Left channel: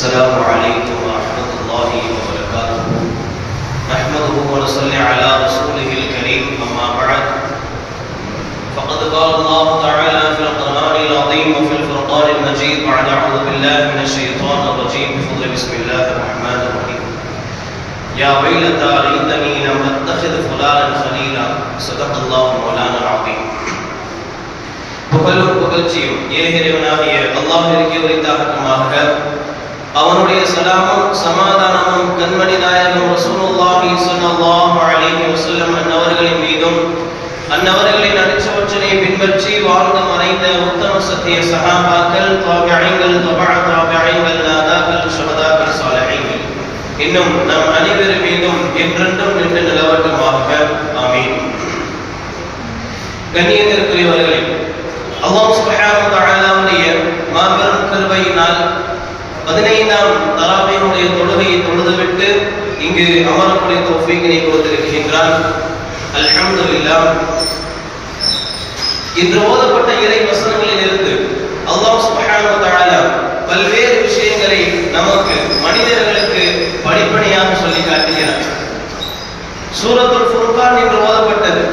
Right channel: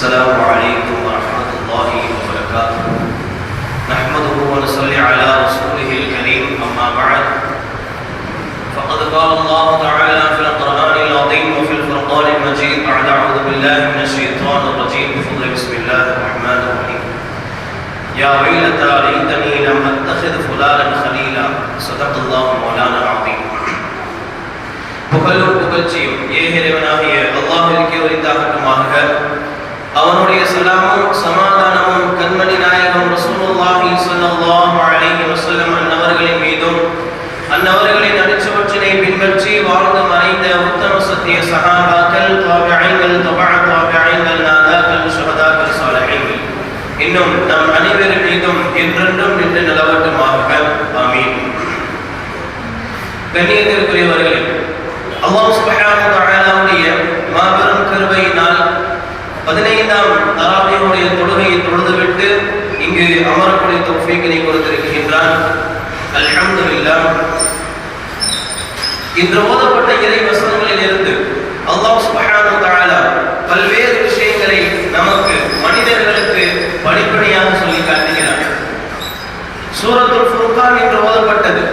السلام عليكم ورحمة الله وبركاته. نحمده ونصلي على رسوله الكريم، أما بعد، فقد قال الله تعالى في القرآن العظيم وفي الفرقان المجيد بعد أعوذ بالله من الشيطان الرجيم بفضل بسم الله الرحمن الرحيم. يا ويلتى ليتني لم أتخذ فلانا خليلا. صدق الله مولانا العظيم. புகழும் புகழ்ச்சியும் ஏகரைவனாகிய அல்லாஹ்விற்கே உரித்தாகட்டுமாக. அவனுடைய சலாமும் சமாதானமும் கண்மணி நாயகம் ரசூலுல்லாஹி ஸல்லல்லாஹு அலைஹி வஸல்லம் அன்னவர்களின் மீதும் அன்னவர்களின் அடிச்சுவற்றினை பின்பற்றி வாழ்ந்து மறைந்த உத்தம சத்திய சஹாபாக்கள், தாபிஈன்கள், தபஅ தாபிஈன்கள், நாதாக்கள், ஷுஹதாக்கள், சாலிஹீன்கள் இன்னும் நம் அனைவரின் மீதும் என்றென்றும் நின்று நிலவட்டுமாக. ஆமீன். கண்ணியத்திற்குரியவர்களே, அல்லாஹ் சுப்ஹானஹு வ தஆலாவுடைய மாபெரும் கிருபையினால் 15ஆம் தராவீஹுடைய தொழுகையை தொழுதுவிட்டு இங்கு அமரக்கூடிய தௌஃபீக்கினை கொடுத்திருக்கின்றான். அல்ஹம்துலில்லாஹ். இன்று ஓதப்பட்ட இறை வசனங்களில் இருந்து அல்லாஹ் சுப்ஹானஹு வ தஆலா பல்வேறு விஷயங்களை நமக்கு மனிதர்களுக்கு படிப்படியாக சொல்லி காட்டுகிறார். சூரத்துல் ஃபுர்கான் என்று ஓதப்பட்டது.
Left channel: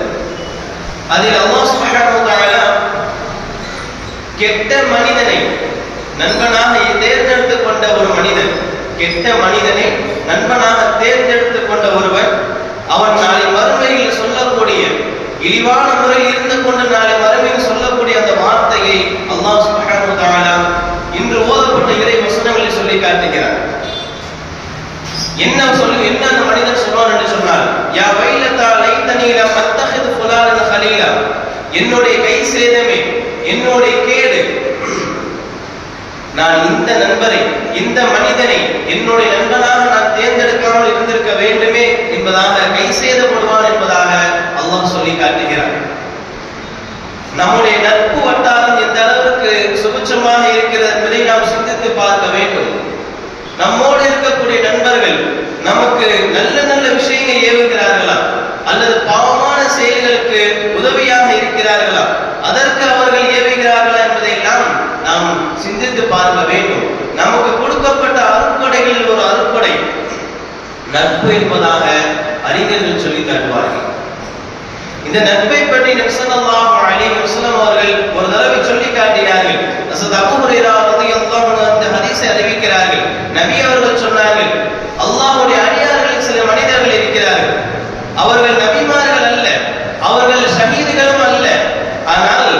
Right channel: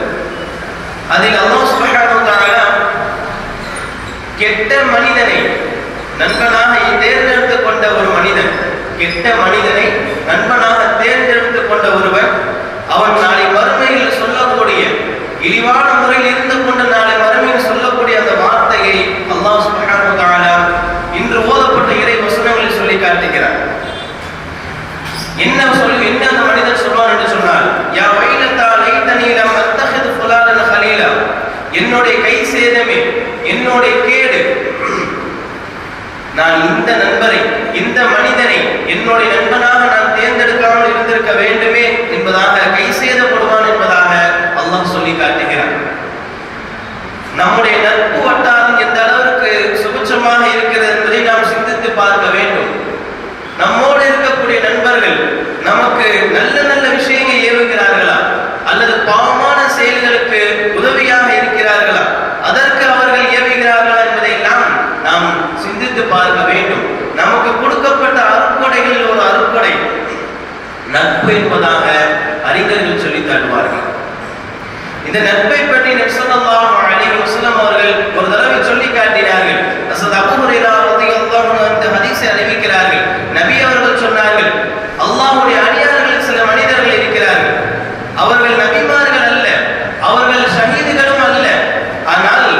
அதில் அல்லாஹ் சுப்ஹானஹு வ தஆலா கெட்ட மனிதனை நண்பனாக தேர்ந்தெடுத்துக் கொண்ட ஒரு மனிதன், கெட்ட மனிதனை நண்பனாக தேர்ந்தெடுத்துக் கொண்ட ஒருவர், அவன் நாளை மறுமையில் சொல்லக்கூடிய இழிவான முறையில் இருந்து கொண்டு நாளை மறுமையில் சொல்லக்கூடிய அந்த வார்த்தையை அல்லாஹ் சுப்ஹானஹு வ தஆலா இன்று ஓதப்பட்ட இறை வசனங்களில் சொல்லி காட்டுகிறார். என்ன அந்த மனிதன் சொல்வான் என்று சொன்னால், யா வைலதா லைதனி லம் அத்தஹிது ஃபுலானா ஹலீலா. என்னுடைய கை சேதமே, என்னுடைய கேடு, நான் இந்த நண்பரை, இந்த மனிதனை என்னுடைய நண்பனாக நான் தேர்ந்தெடுக்காமல் இருந்திருக்க வேண்டுமே என்பதாக கை சேதப்படுவான் என்பதாக அல்லாஹ் சொல்லி காட்டுகிறான். நம்முடைய நட்பு வட்டாரம் எந்த அளவுக்கு சுபட்சமாக இருக்கிறது என்பதை நாம் சிந்தித்து பார்க்க வேண்டும். நம்மோடு இருக்கக்கூடிய நண்பர்கள் நமக்கு நல்ல நல்ல விஷயங்களை ஏவுகிறார்களா, அல்லது பாவமான செயல்களுக்கு உதவியாக இருக்கிறார்களா, அதற்கு அவர்கள் ஏவுகிறார்களா என்பதையெல்லாம் நாம் சிந்தித்து பார்க்க வேண்டும். நமக்கு கொடுக்கப்பட்ட அருட்கொடைகளில் ஒரு அருட்கொடை நட்பு என்பதாக அறிஞர்கள் சொல்லி காட்டுவார்கள். இந்த நட்பை பற்றி நபி ஸல்லல்லாஹு அலைஹி வஸல்லம் அவர்கள் ஒரு தடவை சொல்லி காட்டினார்கள். ஹஸரத் அபூ ஹுரைரா রাদিয়াল্লাহு அன்ஹு அந்த ஹதீஸை அறிவிக்கிறார்கள். நபி அவர்கள் சொன்னார்கள், அல்லாஹ்வுடைய அடியார்களில் சில மனிதர்கள் இருக்கிறார்கள், அவர்கள் நபிமார்கள் அல்ல, அவர்கள் ஷஹீதுகளும் அல்ல, ஆனால்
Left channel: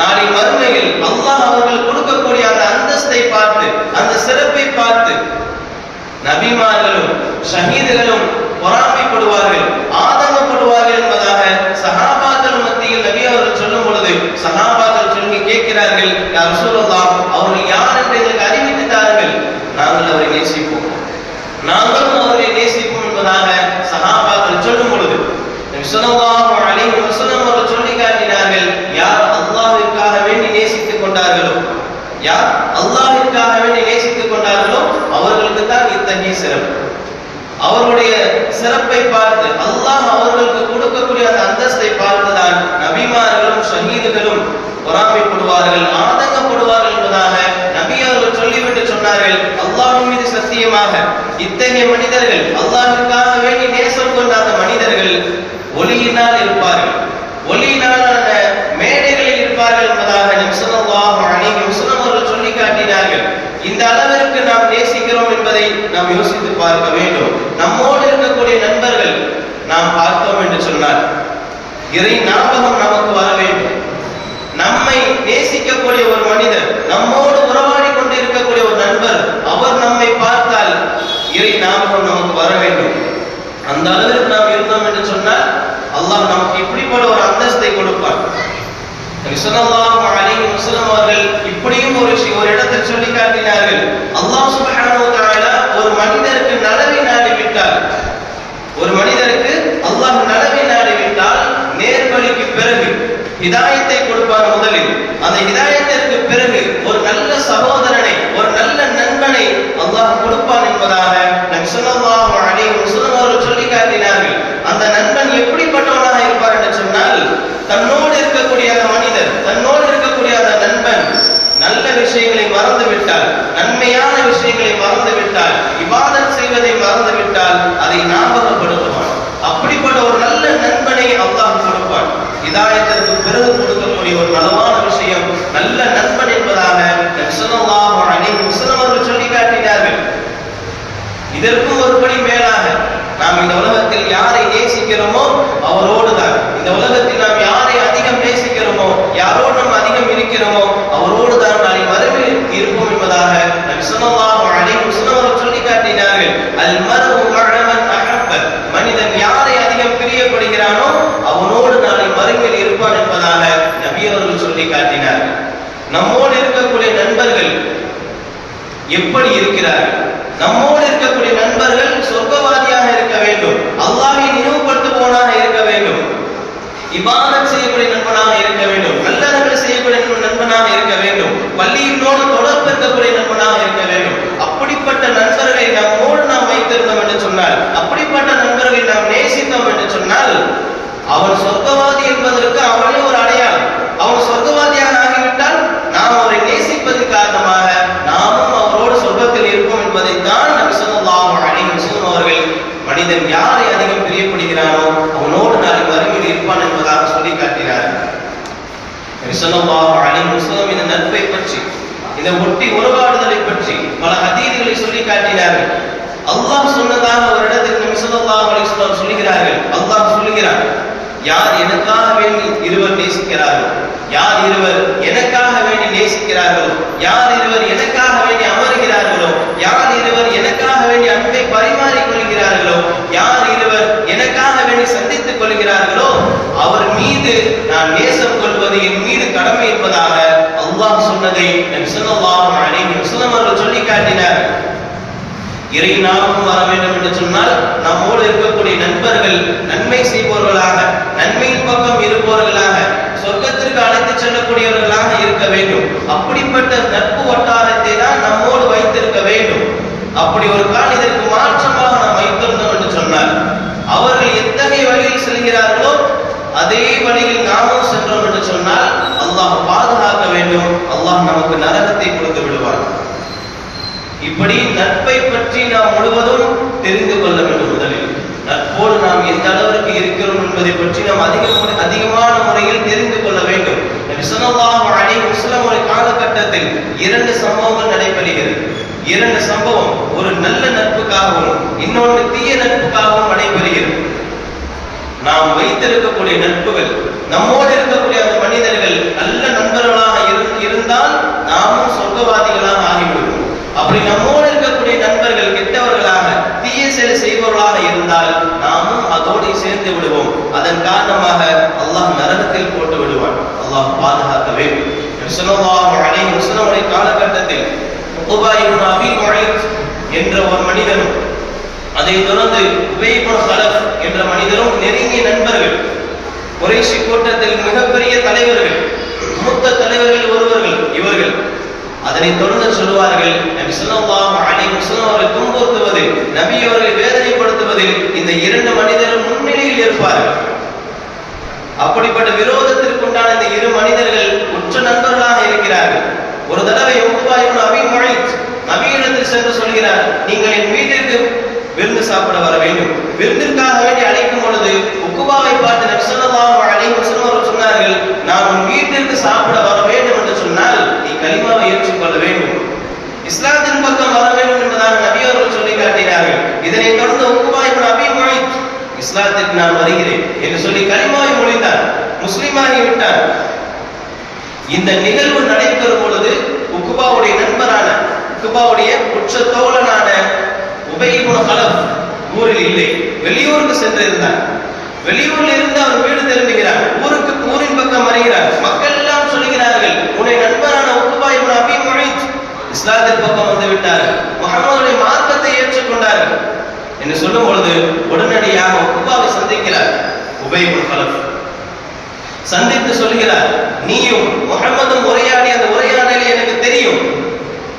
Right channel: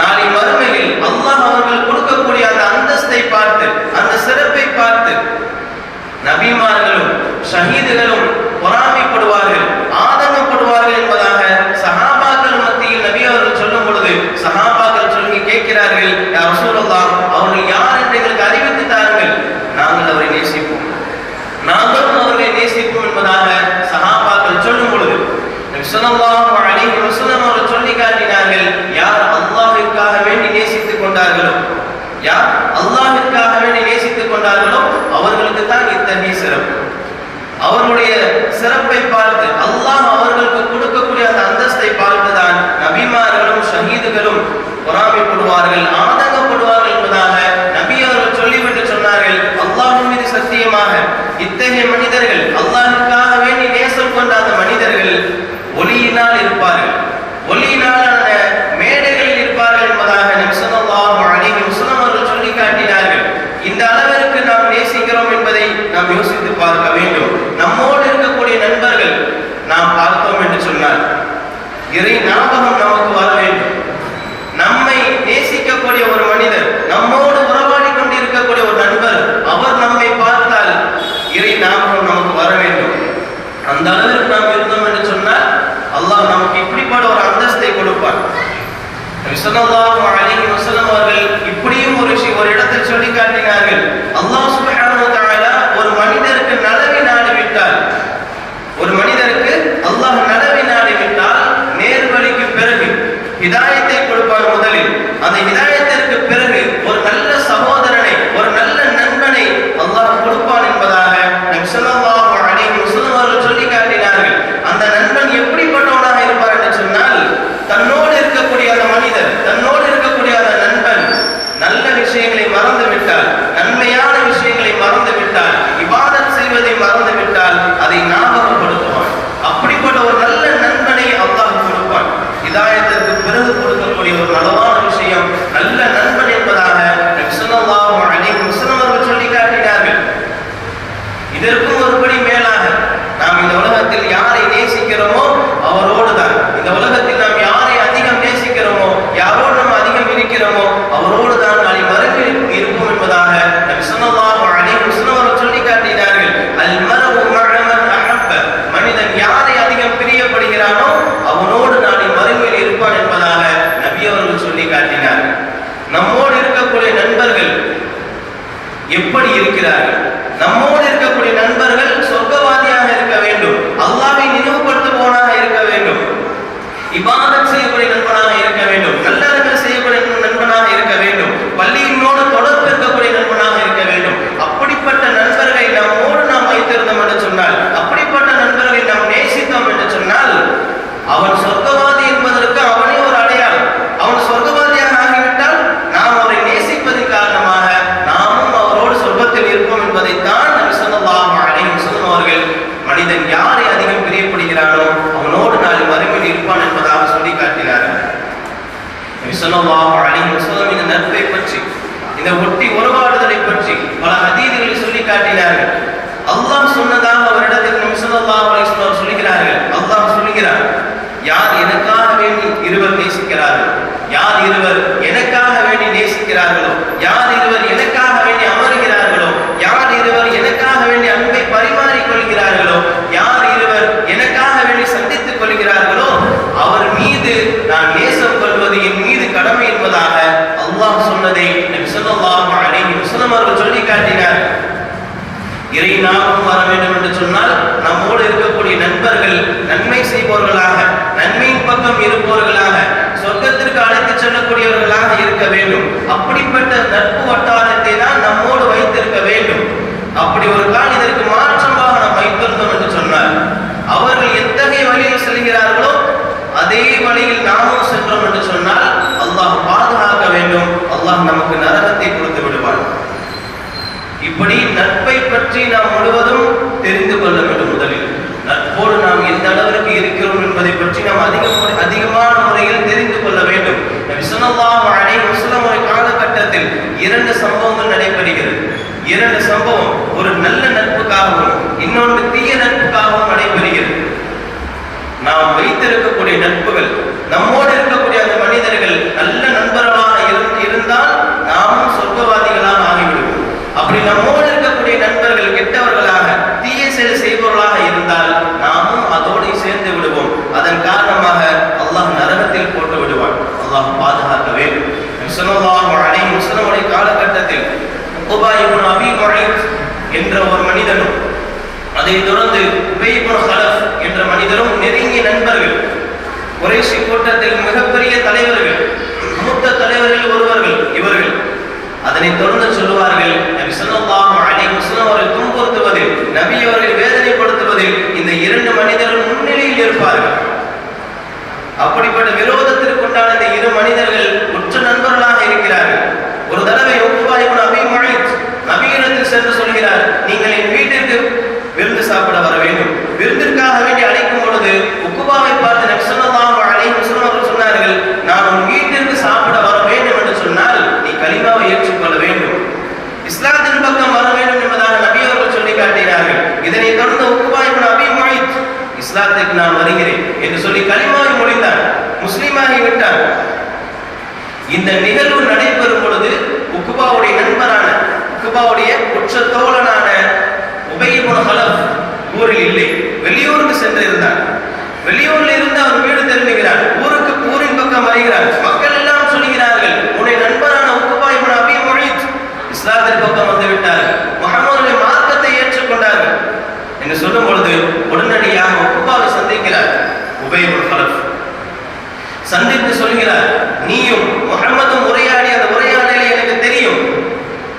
நாளை மறுமையில் அல்லாஹ் அவர்கள் கொடுக்கக்கூடிய அந்த அந்தஸ்தை பார்த்து, அந்த சிறப்பை பார்த்து நபிமார்களும் ஷஹீதுகளும் பொறாமைப்படுவார்கள், ஆதங்கப்படுவார்கள் என்பதாக சஹாபாக்கள் மத்தியில் நபி அவர்கள் சொல்லும் பொழுது சஹாபாக்கள் சொல்லி கேட்கிறார்கள், யா ரசூலுல்லாஹ், அவர்கள் யார் என்று எங்களுக்கு அறிவித்து தாருங்கள், நாங்கள் அவரை நேசிப்போம், நாங்களும் அவரை நேசிப்போம் என்பதாக சஹாபாக்கள் சொல்லும் பொழுது நபி ஸல்லல்லாஹு அலைஹி வஸல்லம் அவர்கள் சொல்லி காட்டினார்கள், யார் அல்லாஹ்விற்காக வேண்டி நேசித்துக் கொண்டார்களோ, யார் அல்லாஹ்விற்காக வேண்டி நேசித்துக் கொண்டார்களோ அவர்களுக்கு தான் இத்தகைய சிறப்பு. அவருடைய சிறப்பை பார்த்து, அல்லாஹ் அவர்களுக்கு கொடுக்கக்கூடிய அந்த அந்தஸ்தை பார்த்துதான் நபிமார்களும் ஷஹீதுகளும் பொறாமைப்படுவார்கள், ஆதங்கப்படுவார்கள் என்பதாக நபி அவர்கள் சொல்லிவிட்டு சொன்னார்கள், அல்லாஹ்வின் மீது சத்தியமாக இத்தகைய மனிதர்கள், அல்லாஹ்விற்காக வேண்டி நேசம் கொண்ட அந்த மனிதர்கள் ஒளியினால் இருப்பார்கள், ஒளியினாலான மேடைகளில் இருப்பார்கள் என்பதாக நபி ஸல்லல்லாஹு அலைஹி வஸல்லம் அவர்கள் சொல்லி காட்டினார்கள். இந்த அளவிற்கு நாம் நேசிக்கிறோம் என்பதை நாம் யோசித்து பார்க்க வேண்டும். நம்மோடு இருக்கக்கூடிய நண்பர்கள் நாம் பார்த்தோம் என்று சொன்னால் இறை ஞாபகம் நமக்கு வர வேண்டும். நம்மை நேசிக்கக்கூடிய ஒரு மனிதர், நம்மோடு உறவாடி கொண்டு இருக்கக்கூடிய ஒரு நண்பர், அவர் நம்மை பார்த்தால் இறை ஞாபகம் நமக்கு வர வேண்டும். அந்த அளவிற்கு நாம் இருந்தோம் என்று சொன்னால் அல்லாஹ் நமக்கு இப்படிப்பட்ட ஒரு அந்தஸ்தை கொடுப்பார். நபி ஸல்லல்லாஹு அலைஹி வஸல்லம் அவர்கள் இப்படியும் ஒரு இடத்தில் சொல்லி காட்டினார்கள், அல்லாஹ் சுப்ஹானஹு வ தஆலா ஒரு மனிதருக்கு நலவை நாடிவிட்டால், ஒரு மனிதருக்கு அல்லாஹ் நலவை நாடிவிட்டால் நேர்வழிக்கு பிறகு ஹிதாயத்தை கொடுப்பார். முதலில் அந்த ஹிதாயத்திற்கு பிறகு ஒரு நல்ல சகோதரனை, ஒரு நல்ல நண்பனை அல்லாஹ் கொடுப்பான் என்பதாக நபி ஸல்லல்லாஹு அலைஹி வஸல்லம் அவர்கள் சொல்லி காட்டினார்கள். அந்த நண்பன் எப்படிப்பட்டவனாக இருப்பார் என்று சொன்னால், தன்னோடு இருக்கக்கூடிய அந்த மனிதர், தன்னோடு இருக்கக்கூடிய அந்த நண்பன் நல்ல விஷயங்களை மறந்து விட்டால், நன்மையான விஷயங்களை மறந்து ஞாபகப்படுத்துவான். அப்படிப்பட்ட ஒரு நல்ல நண்பனை அல்லாஹ் கொடுப்பான். ஹிதாயத்திற்கு பிறகு கொடுக்கக்கூடிய ஒரு நலவான விஷயம் நல்ல நண்பன் என்பதாக நபி ஸல்லல்லாஹு அலைஹி வஸல்லம் அவர்கள் சொல்லி காட்டினார்கள். இதற்கும் ஒருபடி மேலாக நாம் இந்த உலகத்தில் யாரை நேசிக்கிறோமோ அவரோடு தான், இந்த உலகத்தில் நாம் யாரை அதிகம் நேசிக்கிறோமோ, யாரோடு நாம் அதிகம் இருக்கிறோமோ அவரோடு தான் நாளை மறுமையில் இருப்போம் என்பதாக நபி ஸல்லல்லாஹு அலைஹி வஸல்லம் அவர்கள் சொல்லி காட்டினார்கள். அல் மர்உ மஅ மன் அஹப்ப, மனிதன் யாரை அதிகம் பிரியப்படுகிறானோ அவனோடு நாளை மறுமையில் இருப்பான் என்பதாக நபி அவர்கள் சொல்லி காட்டினார்கள். நம்மோடு இருக்கக்கூடிய நண்பர்கள் எப்படி இருக்கிறார்கள்? நம்மோடு இருக்கக்கூடிய நண்பர்கள் சொர்க்கவாதியாக இருக்க வேண்டும், அல்லாஹ்வை நினைவுபடுத்துபவனாக இருக்க வேண்டும், இபாதத் செய்யக்கூடிய நண்பனாக இருக்க வேண்டும், நல்லறங்கள் செய்யக்கூடிய நண்பனாக இருக்க வேண்டும், பள்ளியினோடு தொடர்பு இருக்கக்கூடிய நண்பனாக இருக்க வேண்டும். அப்படிப்பட்ட நண்பர்களை நம்மோடு நாம் வைத்திருந்தோம் என்று சொன்னால், அப்படிப்பட்ட நண்பர்களை நாம் நேசித்தோம் என்று சொன்னால், அவன் சொர்க்கவாதி என்பதற்கு அவனே ஒரு அடையாளம். அவன் சொர்க்கவாதியாக ஆகிவிட்டால் நாம் அவரை நேசிப்பதன் காரணமாக நாமும் அவரோடு சொர்க்கத்தில் இருப்போம் என்பதைத்தான் நபி ஸல்லல்லாஹு அலைஹி வஸல்லம் அவர்கள் மனிதன் யாரை அதிகம் பிரியப்படுகிறானோ அவனோடு நாளை மறுமையில் இருப்பான் என்பதாக சொல்லி காட்டினார்கள். நபி ஸல்லல்லாஹு அலைஹி வஸல்லம் இந்த நட்பை பற்றி, இந்த ஒட்டி உறவாடுதலை பற்றி பல ஹதீஸ்களை சொல்லி காட்டினார்கள். அல்லாஹ் சொன்னதாக ஒரு இடத்தில் நபி ஸல்லல்லாஹு அலைஹி வஸல்லம் சொல்கிறார்கள். அல்லாஹ் சொல்கிறார், யார் எனக்காக வேண்டி இருவர் நேசிக்கிறார்கள், யார் இருவர் எனக்காக வேண்டி நேசிக்கிறார்களோ, யார் இருவர் எனக்காக வேண்டி அமர்கிறார்களோ, யார் இருவர் எனக்காக வேண்டி அன்பை பரிமாறிக் கொள்கிறார்களோ, யார் இருவர் எனக்காக வேண்டி சந்தித்துக் கொள்கிறார்களோ அவர் மீது நான் நேசம் கொள்வது என் மீது கடமை என்பதாக அல்லாஹ் சொன்னதை நபி ஸல்லல்லாஹு அலைஹி வஸல்லம் அவர்கள் சொல்லி காட்டினார். இறை நாமம் வர வேண்டும் என்று சொன்னால் நம்மோடு இருக்கக்கூடிய நண்பர்கள் நன்மை செய்பவர்களாக, நன்மையின் பக்கம் இருப்பவர்களாக, சொர்க்கத்திற்கு அழைத்து செல்லக்கூடியவர்களாக இருக்க வேண்டும். அப்படிப்பட்ட நட்பு வட்டாரத்தை தான் நம்மோடு வைத்திருக்க வேண்டும். அப்படி ஒரு கால் இதற்கு மாற்றமாக நாம் வைத்திருந்தோம் என்று சொன்னால், அவர்கள் எத்தகைய வழியில் செல்கிறார்களோ அதே வழியில் நாமும் சென்றோம் என்று சொன்னால் அல்லாஹ் பாதுகாக்க வேண்டும். அல்லாஹ் நமக்கு நரகத்தை கொடுத்து விடுவார். இப்படி நட்பை பற்றி நாம் முழுவதும் தெரிந்து கொள்ள வேண்டும். முதலில் நட்போடு நாம் எந்த அளவிற்கு இருக்கிறோம் என்பதை பற்றி நாம் அதிகமான முறையில் தெரிந்து கொள்ள வேண்டும். நபி ஸல்லல்லாஹு அலைஹி வஸல்லம் ஒரு காலகட்டத்தில் 2 சம்பவங்கள் நடைபெறுகிறது. 2 சம்பவம் ஒரு நல்ல நட்புக்காகவும் இன்னொன்று தீய நட்புக்காகவும் நடைபெறுகிறது. நாம் வைத்திருக்கக்கூடிய நட்புகள், நம்மோடு இருக்கக்கூடிய அந்த மனிதர்கள் நல்ல நண்பர்களாக இருந்தால் நாமும் சொர்க்கவாதிகளாக ஆகிவிடுவோம். அப்படி நம்மோடு இருக்கக்கூடிய நண்பர்கள் கெட்டவர்களாக, தீய செயல் செய்பவர்களாக இருந்தால் நாமும் அதோடு சேர்ந்து விடுவோம். அதன் காரணமாக அல்லாஹ் நரகத்தில் போட்டு விடுவான். அல்லாஹ் பாதுகாக்க வேண்டும். ஸல்லல்லாஹு அலைஹி வஸல்லம் காலகட்டத்தில் உக்பா இப்னு அபீ முஐத் என்ற ஒரு மனிதனும், அதைத் தொடர்ந்து உபை இப்னு ஹலஃப் என்ற மனிதரும் நெருங்கிய நண்பர்கள். குறைஷி கூட்டத்தில் மிகப்பெரிய தலைவர்கள், மூத்த தலைவர்கள் ஒருவர்கள் இவர்கள். அதனைத் தொடர்ந்து சொல்லுவார்கள், நபி ஸல்லல்லாஹு அலைஹி வஸல்லம் அவர்கள் துன்புறுத்துவதில், நபி அவர்கள் வேதனைப்படுத்துவதில் இந்த 2 மனிதர்கள் முன்னிலையில் இருப்பார்கள். அப்படிப்பட்ட விரோதத்திற்குண்டான இந்த 2 மனிதர்கள் உற்ற நண்பர்களாக இருக்கிறார்கள். ஒரு தடவை உக்பா இப்னு அபீ முஐத் நபியிடத்தில் சென்று சொல்கிறார், நீங்கள் என் வீட்டிற்கு விருந்து சாப்பிட வர வேண்டும். விருந்திற்காக வேண்டி அழைக்கும் பொழுது உக்பாவை பார்த்து நபி ஸல்லல்லாஹு அலைஹி வஸல்லம் அவர்கள் சொன்னார்கள், நான் உன் வீட்டிற்கு சாப்பிட வர வேண்டும் என்று சொன்னால் நீ கலிமாவை ஏற்றுக்கொள்ள வேண்டும், இஸ்லாத்தின் பக்கம் வர வேண்டும் என்பதாக நபி அவர்கள் சொல்லி காட்டினார்கள். இதனை தொடர்ந்து உக்பா இப்னு அபீ முஐத் இஸ்லாத்திற்கு நான் வருகிறேன் என்று சொல்லி கலிமாவை மொழிந்தார், முஸ்லிமாகி விட்டார். இந்த நிகழ்வு நடைபெறும் பொழுது உக்பாவுடைய நண்பரான, உக்பாவுடைய உற்ற தோழனான உபை இப்னு ஹலஃப் ஊரில் இல்லை, வெளியூருக்கு சென்று இருந்தார். வெளியூரில் இருந்து அவர் வீடு திரும்புகிறார், ஊரின் பக்கம் வருகிறார். மக்கள் எல்லாம் சொல்கிறார்கள், உன்னை நண்பரான உக்பா இப்னு அபீ முஐத் இஸ்லாத்தின் பக்கம் வந்து விட்டார்கள், முஹம்மதுடைய மார்க்கத்தை ஏற்றுக்கொண்டார்கள் என்று சொல்லும் பொழுது உடனடியாக உக்பாவை சந்திக்கிறார். உபை இப்னு ஹலஃப் சந்தித்து சொல்கிறார், நீயும் முஹம்மதும் உரையாடிய அந்த உரையாடலை எனக்கு தெரியும்,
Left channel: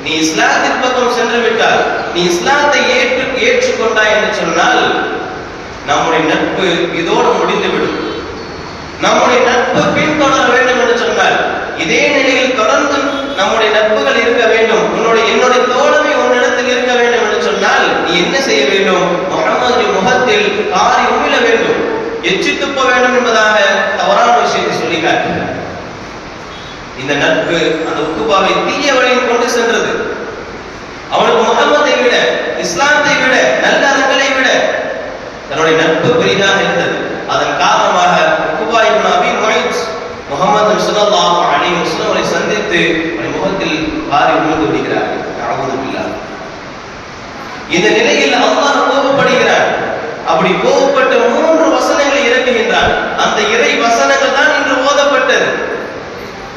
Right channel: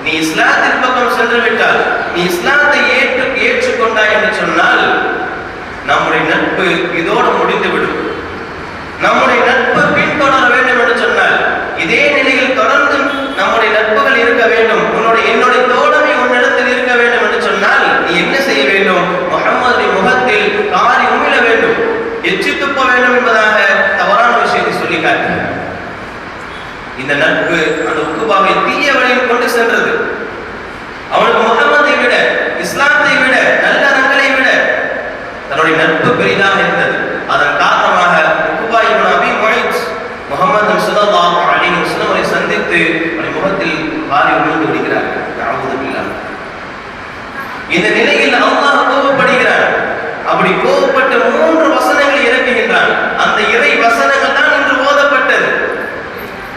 நீ இஸ்லாத்தின் பக்கம் சென்று விட்டால், நீ இஸ்லாத்தை ஏற்றுக்கொண்டாய் என்று சொன்னால் நம்முடைய நட்பு இதோடு முடிந்துவிடும். நம்முடைய நட்பு பின்தொடர வேண்டும் என்று சொன்னால் இதே நிலையில் தொடர்ந்து நம்முடைய நட்புகள் இருக்க வேண்டும், என்னுடைய தோழமை உன்னிடத்தில் இருக்க வேண்டும் என்று சொன்னால் நீ என்ன செய்ய வேண்டும்? முஹம்மதுடைய முகத்தை எச்சி துப்ப வேண்டும் என்பதாக தவறான விஷயத்தை சொல்லி காட்டினார். இந்த நட்பு அந்த உக்குபாவை தீய வழியில் கொண்டு சென்றது. அவனுக்கு முகமதை விட, இஸ்லாத்தை விட, நல்ல அறங்களை விட தன்னுடைய நட்பு பெரிதாக இருந்தது. அதன் காரணமாக உக்குபா இப்னு அபி முய்த் முஹம்மது ஸல்லல்லாஹு அலைஹி வஸல்லம் அவரை சந்தித்து அவருடைய முகத்தில் வாரி விழுந்து விடுகிறார்கள். தஅவூது பில்லாஹ். இந்த நிலையில் அல்லாஹ் கோபப்படுகிறார். அப்படி கோபப்பட்ட 3 வசனங்களை இறக்குகின்றான். அந்த இறை வசனங்கள் தான் இன்று ஓதப்பட்டது.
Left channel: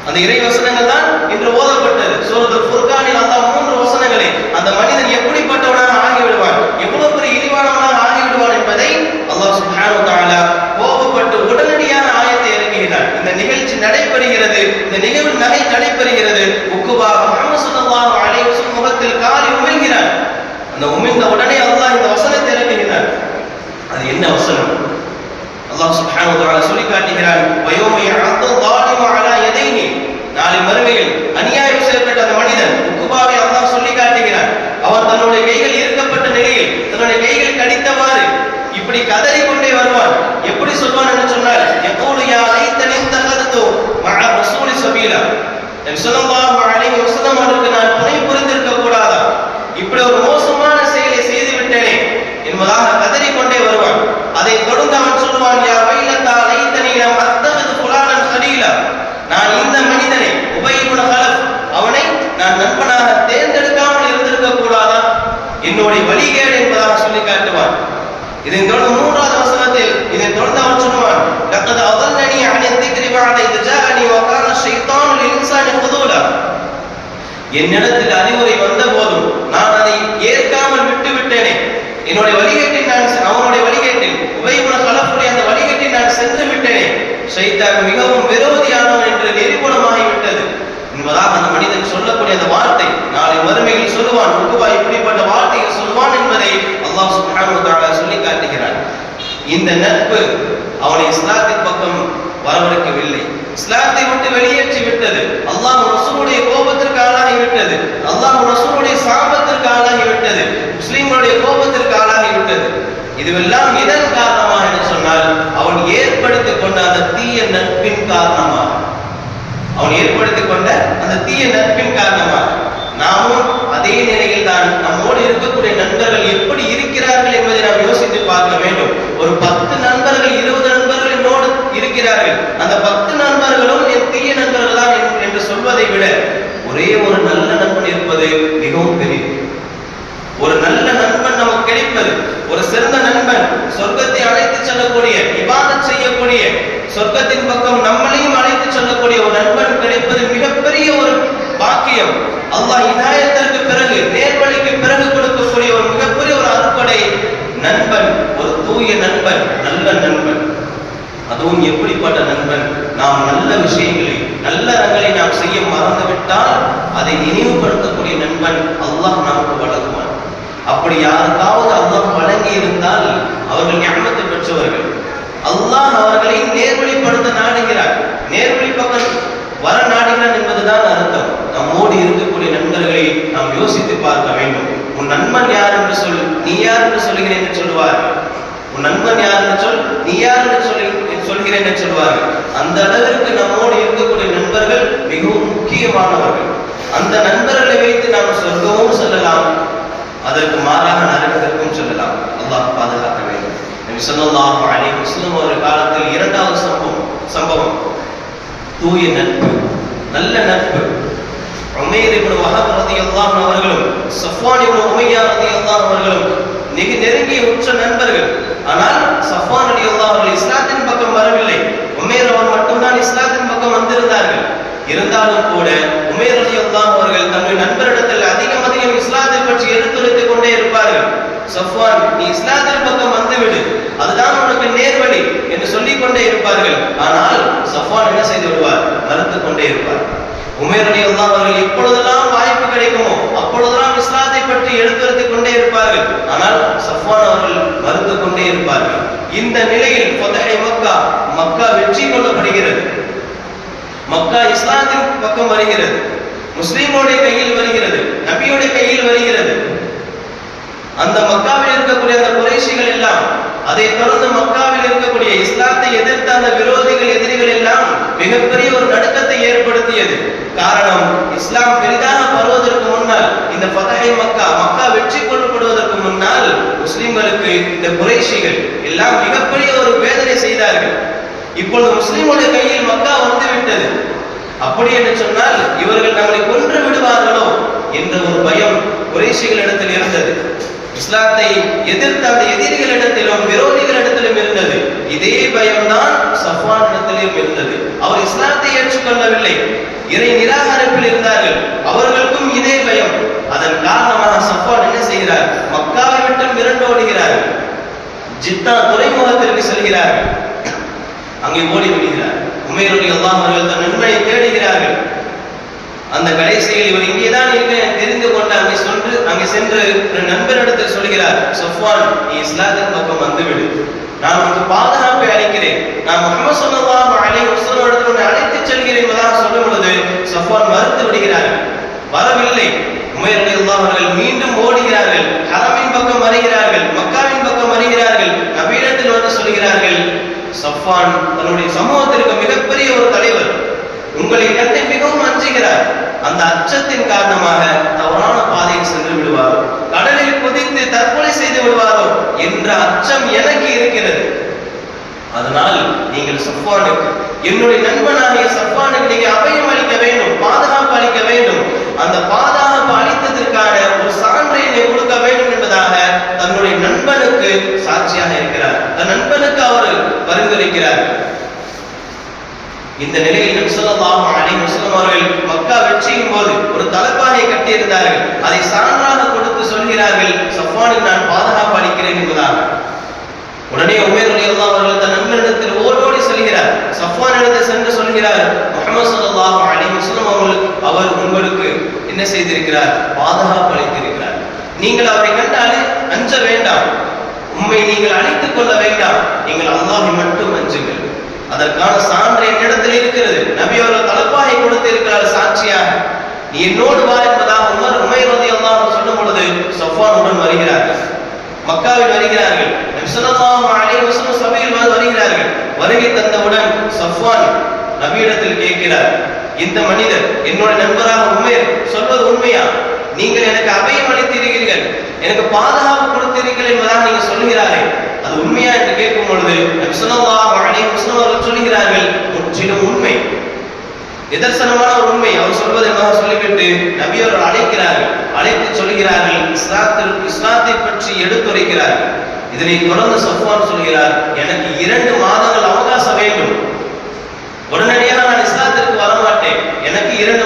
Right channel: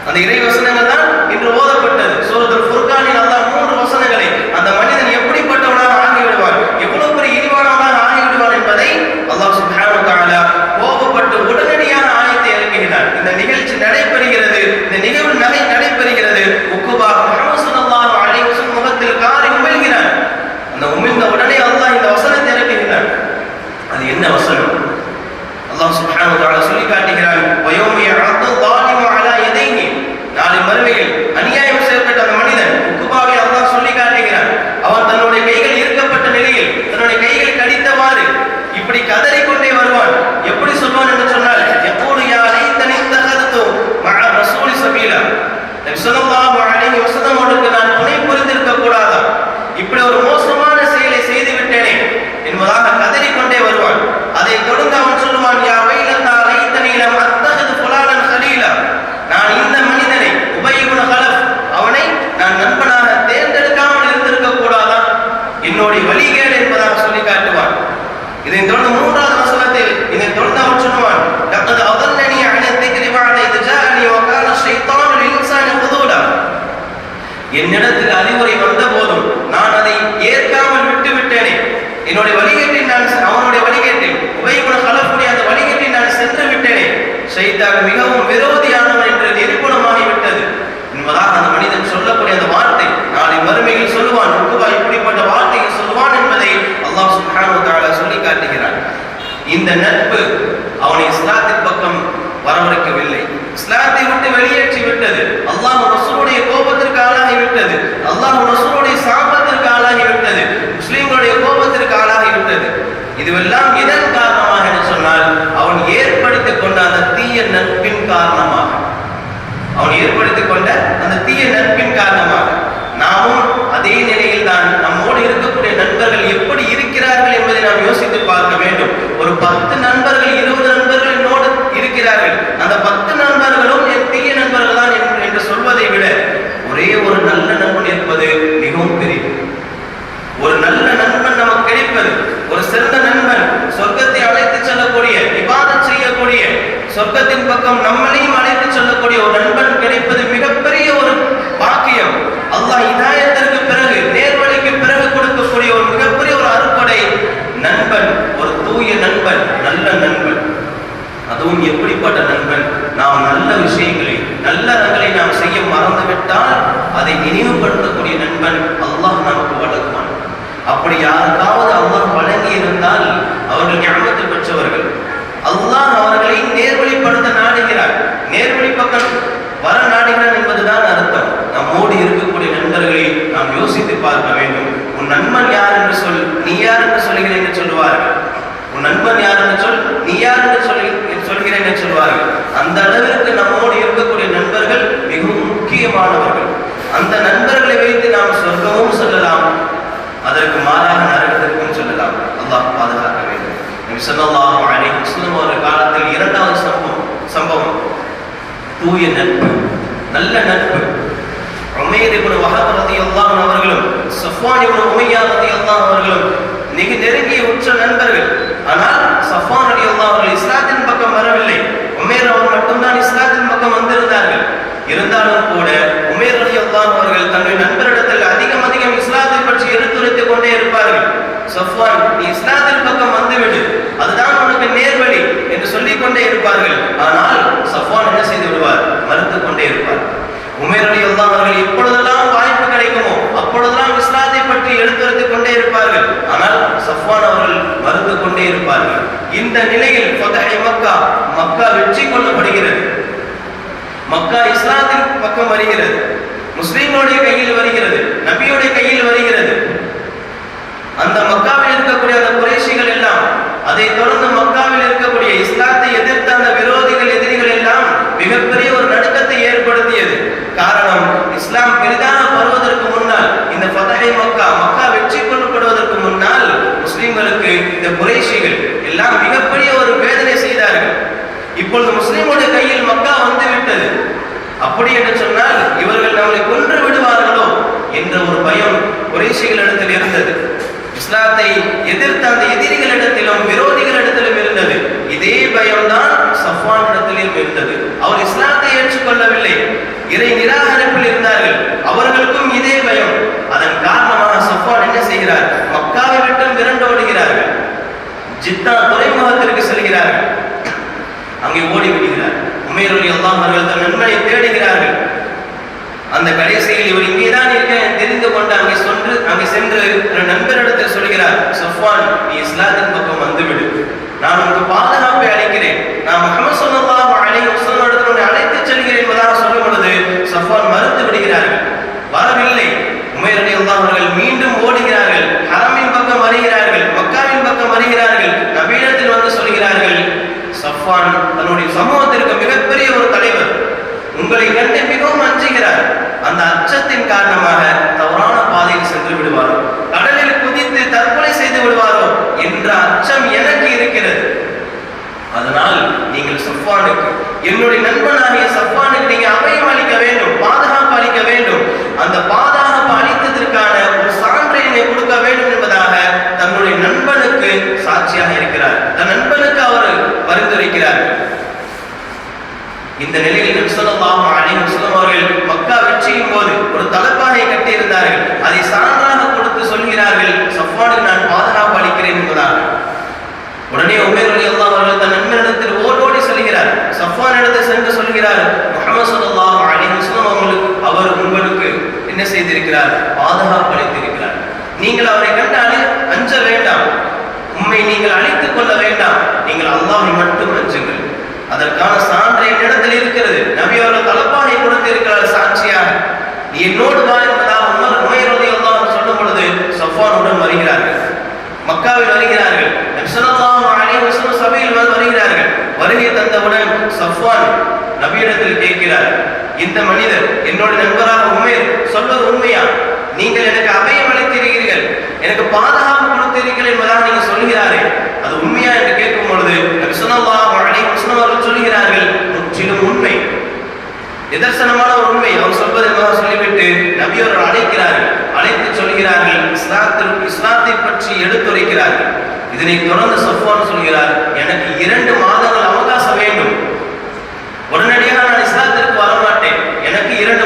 அந்த இறை வசனங்கள் தான் இன்று ஓதப்பட்டது. சூரத்துல் ஃபுர்கானில் அல்லாஹ் 3 வசனங்களை அந்த மனிதன் எப்படிப்பட்டவனாக ஆகிவிடுவான், எவ்வளவு பெரிய இழிவானவனாக ஆகிவிடுவான் என்பதை அல்லாஹ் சுப்ஹானஹு வ தஆலா கோபப்பட்டு உடனடியாக ஆயத்தை இறக்குகிறான். இந்த நிகழ்ச்சி நடைபெறுகிறது, இந்த நிகழ்வு நடைபெறுகிறது. உக்குபா முஹம்மது ஸல்லல்லாஹு அலைஹி வஸல்லம் முகத்தில் காரி உமிழ்கிறான். அந்த உமிழ்ந்த உடனே அல்லாஹ் இந்த வசனத்தை இறக்குகிறான். அது என்ன வசனம்? அல்லாஹ் சுப்ஹானஹு வ தஆலா சொல்லி காட்டுகிறான், வயௌம யஅது ஸாலிமு அலா யதைஹி. நாளை மறுமையில் அநியாயம் செய்யப்பட்ட அந்த மனிதன் உக்குபாவை அல்லாஹ் சொல்லி காட்டுகிறான். அவன் தன்னுடைய கைகள் இறுக்கப்பட்ட நிலையில் தன்னுடைய கைகள் கடித்தவாறு இப்படி கதறிக்கொண்டே வருவான். எப்படி சொல்வான் என்று சொன்னால், யகூலு யா லைத்தனி தஹர்து மஅ ரசூலி சபீலா. நபி ஸல்லல்லாஹு அலைஹி வஸல்லம் அவருக்கு நான் துணை புரிந்திருக்க கூடாதா, இப்படி ஒரு மோசமான செயலை செய்து விட்டேனே என்பதாக கதறிக்கொண்டே வருவான். அதை தொடர்ந்து அவன் சொல்லுவான், யா வைலத்தா லைத்தனி லம் அத்தஹிது ஃபுலானன் கலீலா. நான் இந்த மனிதனை உபய் இப்னு கலஃப் அவனை நான் நண்பனாக தேர்ந்தெடுக்காமல் இருந்திருக்க கூடாதா, என்னுடைய வழிகேடு என்பதாக சொல்லி காட்டுவான். இதை தொடர்ந்து 3வது வசனத்தில் இதை தொடர்ந்து அவன் சொல்லுவான், லக்கத் அதல்லனி அன் الذிக்ரி பஅத இத் ஜாஅனி வ கான ஷைத்தானு லில்-இன்சானி ஹுதூலா. என்னிடத்தில் அறிவுரை வந்த போதும் நான் அதை ஏற்காமல் விட்டு விட்டேனே, என்னுடைய வழிகேட்டில் நான் அவனுடைய வழிகேட்டில் உபய் இப்னு கலஃபுடைய அந்த வழிகேட்டில் நான் சென்று விட்டேனே, ஷைத்தான் மிகவும் விரோதியானவன் என்று நிரூபணமாகிவிட்டது என்பதாக அந்த மனிதன் சொல்லக்கூடிய அந்த வார்த்தை நாளை மறுமையில் சொல்லுவான். உக்குபா இப்படிப்பட்ட வார்த்தையை சொல்லுவான் என்பதை அல்லாஹ் சுப்ஹானஹு வ தஆலா சொல்லி காட்டுகிறான். இந்த நட்பு அவனை இஸ்லாத்தின் பக்கம் வரவழைக்கவில்லை, இஸ்லாத்தை விட்டு வெளியேற்றி விட்டது. அல்லாஹ் ரசூலுடைய கோபத்திற்கு ஆளாகி விட்டது, அல்லாஹ் ரசூலுடைய சாபத்திற்கு ஆளாகி விட்டது, முஸ்லிம்களுடைய கோபத்திற்கு ஆளாகி விட்டது. இதுவெல்லாம் இதன் காரணமாக என்று சொன்னால் அவன் ஏற்படுத்திக் கொண்ட அந்த தீய நட்பின் காரணமாக, அவன் ஏற்படுத்திக் கொண்ட அந்த தீய நட்பின் காரணமாக நாமும் அதே நிலையில் தான் நம்மோடு இருக்கக்கூடிய நண்பர்கள் எப்படி இருக்கிறார்கள் என்பதை நாம் யோசித்து பார்க்க வேண்டும். ஒரு 10 நண்பர்கள் 20 நண்பர்கள் என்னோடு இருக்கிறார்கள், அந்த 10 நண்பர்களும் என் தீய நண்பர்கள் தான் என்று சொல்வதை விட ஒரே ஒரு நல்ல நண்பன் இருப்பது மிகவும் பெரியது. ஒரு நல்ல நண்பன் நமக்கு கிடைப்பது, ஒரு சிறந்த நண்பன், சொர்க்கத்தை அழைத்து செல்லக்கூடிய, இபாதத் செய்யக்கூடிய, சொர்க்கத்தின் பக்கம் நம்மளையும் அழைத்து செல்லக்கூடிய ஒரு நண்பன் கிடைப்பது மிகப்பெரிய ஒரு பாக்கியம். அல்லாஹ் ஹிதாயத்திற்கு பிறகு, நேர்வழிக்கு பிறகு கொடுக்கக்கூடிய ஒரு மிகப்பெரிய ஒரு அருட்கொடை நண்பன், ஒரு தூய நண்பன், நல்ல நண்பன். அதுவும் எப்படிப்பட்ட நண்பன்? நாம் நல்ல விஷயங்களை, நல்ல அறங்களை நாம் செய்ய மறந்துவிட்டால் அதை நினைவுபடுத்தக்கூடிய நண்பன் அல்லாஹ் நமக்கு வழங்குவான். அப்படி யாருக்காவது அல்லாஹ் வழங்கி இருந்தால் அவர்கள் ஞானத்தை பெற்றவர்கள். அல்லாஹ் அவர்களை நேர்வழிப்படுத்த நாடுகிறார், நேர்வழி பக்கம் வர நாடுகிறான் என்பதுதான் அர்த்தம். நம்மோடு இருக்கக்கூடிய நண்பர்களை நாம் யோசித்து பார்க்க வேண்டும். உன் நண்பன் யார் என்று சொல், நீ யார் என்று சொல்லுகிறேன் என்று சொல்லுவார்கள். உன் நண்பன் யார் என்று சொல், நீ யார் என்று சொல்கிறேன் என்று சொல்வார்கள். அந்த அளவிற்கு நம்மோடு இருக்கக்கூடிய நண்பர்கள் மிகவும் முக்கியமானவர்கள். அந்த நண்பர்களை வைத்து நாம் சொர்க்கமும் சொல்லலாம், அதற்கு மாறாக நரகத்திற்கும் சொல்லலாம். அல்லாஹ் பாதுகாக்க வேண்டும். நபி ஸல்லல்லாஹு அலைஹி வஸல்லம் அவர்கள் காலத்தில் 2வது சம்பவம் தூய நட்பு, நல்ல நட்பு. உமைர் இப்னு வஹப் ரலியல்லாஹு அன்ஹு அவர்களும் சஃப்வான் இப்னு உமையா ரலியல்லாஹு அன்ஹு அவர்களும் மிக நெருங்கிய உற்ற நண்பர்கள். ஆனால் சஃப்வான் ரலியல்லாஹு அவர்கள் இஸ்லாத்தின் பக்கம் வரவில்லை, உமைர் அவர் மட்டும்தான் இஸ்லாத்தின் பக்கம் வந்திருந்தார்கள். இருந்தாலும் கூட உமைர் ரலியல்லாஹு அவர்கள் தன்னுடைய நண்பரிடத்தில் அதிகம் இஸ்லாத்தை பற்றி எடுத்துரைத்துக் கொண்டே இருப்பார்கள். சஃப்வான், நீ இஸ்லாத்தின் பக்கம் வந்துவிடு, அதுதான் உனக்கு நேர்வழி என்று சொல்லிக் கொண்டே இருப்பார்கள். ஆனால் சஃப்வான் என்ன செய்து விடுவார்? மறுத்துக் கொண்டே இருப்பார். உமைர் ரலியல்லாஹு அவர்கள் எப்பொழுதெல்லாம் வாய்ப்பு கிடைக்குமோ அப்பொழுதெல்லாம் இஸ்லாத்தை பற்றி எடுத்துரைத்துக் கொண்டே இருப்பார்கள். ஆனால் சஃப்வான் அவர்கள் மறுத்துக் கொண்டே இருப்பார்கள். இந்த நிலையில் ஃபத்ஹ் மக்கா, மக்கா வெற்றி கொள்ளப்படுகிறது. மக்கா இஸ்லாத்தின் பக்கம் வருகிறது, முஸ்லிம்களுடைய கையில் வருகிறது, நபியுடைய கையில் வருகிறது. அந்த மக்காவில் இருக்கக்கூடிய அந்த குறைஷிகள் எல்லாம் அதை தொடர்ந்து மக்காவில் இருக்கக்கூடிய இஸ்லாத்தை எதிர்த்த அந்த எதிரிகள் எல்லாம் மிகப்பெரிய ஒரு நடுக்கத்தை ஏற்படுத்தியது. காரணம், இஸ்லாம் பெரிதாக பருவதற்கு முன்னால், இந்த ஃபதஹை மக்கா வெற்றி கொள்ளப்படுவதற்கு முன்னால் முஸ்லிம்களுக்கு இந்த குறைஷிகள் எல்லாம் மிகப்பெரிய ஒரு வேதனை செய்தார்கள். இப்பொழுது முஸ்லிமுடைய கையில் மக்கா வந்து விட்டது. அப்படி என்று சொன்னால் இவர்கள் நம்மளை கொன்று விடுவார்களோ என்ற ஒரு பயம் குறைஷிகளிடத்தில் இருந்தது. இஸ்லாத்தை எதிர்த்த அந்த எதிரிகளிடத்திலும் விரோதிகளிடத்திலும் இருந்தது. இதே பயம்தான் சஃப்வானிடத்திலும் இருந்தது. அவர் இஸ்லாத்தை ஏற்றுக்கொள்ளவில்லை, இறை நிராகரிப்பில் இருந்தார்கள். அவர்களுக்கும் இதே பயம். அதன் காரணமாக சஃப்வான் என்ன செய்கிறார்? மக்காவை விட்டு விரண்டோடுகிறார்கள். ஜித்தா துறைமுகத்திற்கு செல்கிறார்கள். அங்கே ஓடி விடுகிறார். உமைர் ரலியல்லாஹு அவர்கள் தன் நண்பனை தேடுகிறார்கள். அந்த கடைசியில் இவர் இங்கேதான் இருக்க தெரிந்து கொண்டு அங்கே சென்று நண்பரிடத்தில் சொல்கிறார், சஃப்வான், நீ இஸ்லாத்தின் பக்கம் வந்துவிடு, நான் உனக்கு பாதுகாப்பை அளிக்கிறேன், நான் முஹம்மது ஸல்லல்லாஹு அலைஹி வஸல்லம் அழைத்து செல்கிறேன் என்பதாக சொல்லும் பொழுது சஃப்வான் மறுத்து விடுகிறார்கள். வரவில்லை. உமைர் ரலியல்லாஹு அவர்கள் மீண்டும் ஓடுகிறார்கள். ஹரமின் பக்கம் வருகிறார்கள், மக்காவின் பக்கம் வருகிறார்கள். நபியிடத்தில் வந்து சொல்கிறார்கள், சஃப்வான் தன்னுடைய சமூகத்திற்கு மிகப்பெரிய ஒரு தலைவர், உங்களை கண்டு மிகவும் அஞ்சுகிறார். அந்த அச்சத்தின் காரணமாக தவறான பாதையில் சென்று விடுவாரோ, கடலில் குதித்து தற்கொலை செய்து விடுவாரோ என்ற அச்சம் எனக்கு இருக்கிறது. அதனால் நீங்கள் சஃப்வானுக்கு, என்னுடைய நண்பனாகிய சஃப்வானுக்கு நீங்க அபயம் அளிக்க வேண்டும், பாதுகாப்பு அளிக்க வேண்டும். அந்த பாதுகாப்பு அளித்ததற்கான ஒரு சான்றை கொடுக்க வேண்டும் என்பதாக தன்னுடைய நண்பனுக்கு சாட்சியாக இருக்கிறார். தன் நண்பனுக்கு அவர் பரிந்துரைக்கிறார். இந்த நிலையில் நபி ஸல்லல்லாஹு அலைஹி வஸல்லம் அவர்கள் மக்கா வெற்றியின் போது ஒரு தலப்பாகை கட்டியிருந்தார்கள். அதை சான்றாக கொடுத்து சொல்கிறார்கள், சஃப்வானுக்கு நான் பாதுகாப்பு அளிக்கிறேன் என்பதாக. உடனே உமைர் ரலியல்லாஹு அவர்கள் தன் நண்பனிடத்தில் ஓடோடி செல்கிறார். சஃப்வான் இடத்தில் சென்று சொல்கிறார், முஹம்மது ஸல்லல்லாஹு அலைஹி வஸல்லம் அவர் உங்களுக்கு என்ன செய்திருக்கிறார்? பாதுகாப்பு அளித்திருக்கிறார். நீங்கள் அவரை கண்டு அஞ்ச வேண்டாம், உம்மை நீங்கள் அழித்துக் கொள்ள வேண்டாம், நீங்கள் அல்லாஹ்வை மட்டும் அஞ்சுங்கள். அதற்கான சான்று என்னிடத்தில் இருக்கிறது. நபி அவர்கள் தலப்பாகை கொடுத்து இருக்கிறார் சாட்சியாக. நீ என்னோடு வா என்பதாக உமைர் ரலியல்லாஹு சொல்லும் பொழுது சஃப்வான் உடன் வருகிறார்கள். மக்காவில் வருகிறார்கள். நபி ஸல்லல்லாஹு அலைஹி வஸல்லம் சபையில் வருகிறார்கள். வருகை தந்தவுடன் சஃப்வான் நபியிடத்தில் கேட்கிறார், இந்த மனிதர் என்னுடைய நண்பராக உமைர் சொல்வது உண்மையா? நீங்கள் எனக்கு அபயம் அளித்திருக்கிறீர்கள், எனக்கு பாதுகாப்பு கொடுத்திருக்கிறீர்கள் என்பதாக நீங்கள் சொல்கிறார்கள், அது உண்மையா என்று கேட்கும் பொழுது நபி ஸல்லல்லாஹு அலைஹி வஸல்லம் அவர்கள் சொல்கிறார்கள், முற்றிலும் உண்மை, நிதர்சனமான ஒரு உண்மை. அவர் சொல்வது என்பதாக சொல்லிவிட்டு நபி அவர்கள் அழைக்கிறார்கள். அழைத்து சொல்கிறார்கள், இஸ்லாத்தை பற்றி எடுத்துரைக்கிறார்கள். இதனை தொடர்ந்து சஃப்வான் சொல்கிறார், எனக்கு 2 மாதங்கள் அவகாசம் வேண்டும், உடனடியாக நான் இஸ்லாத்திற்கு வரமாட்டேன், எனக்கு 2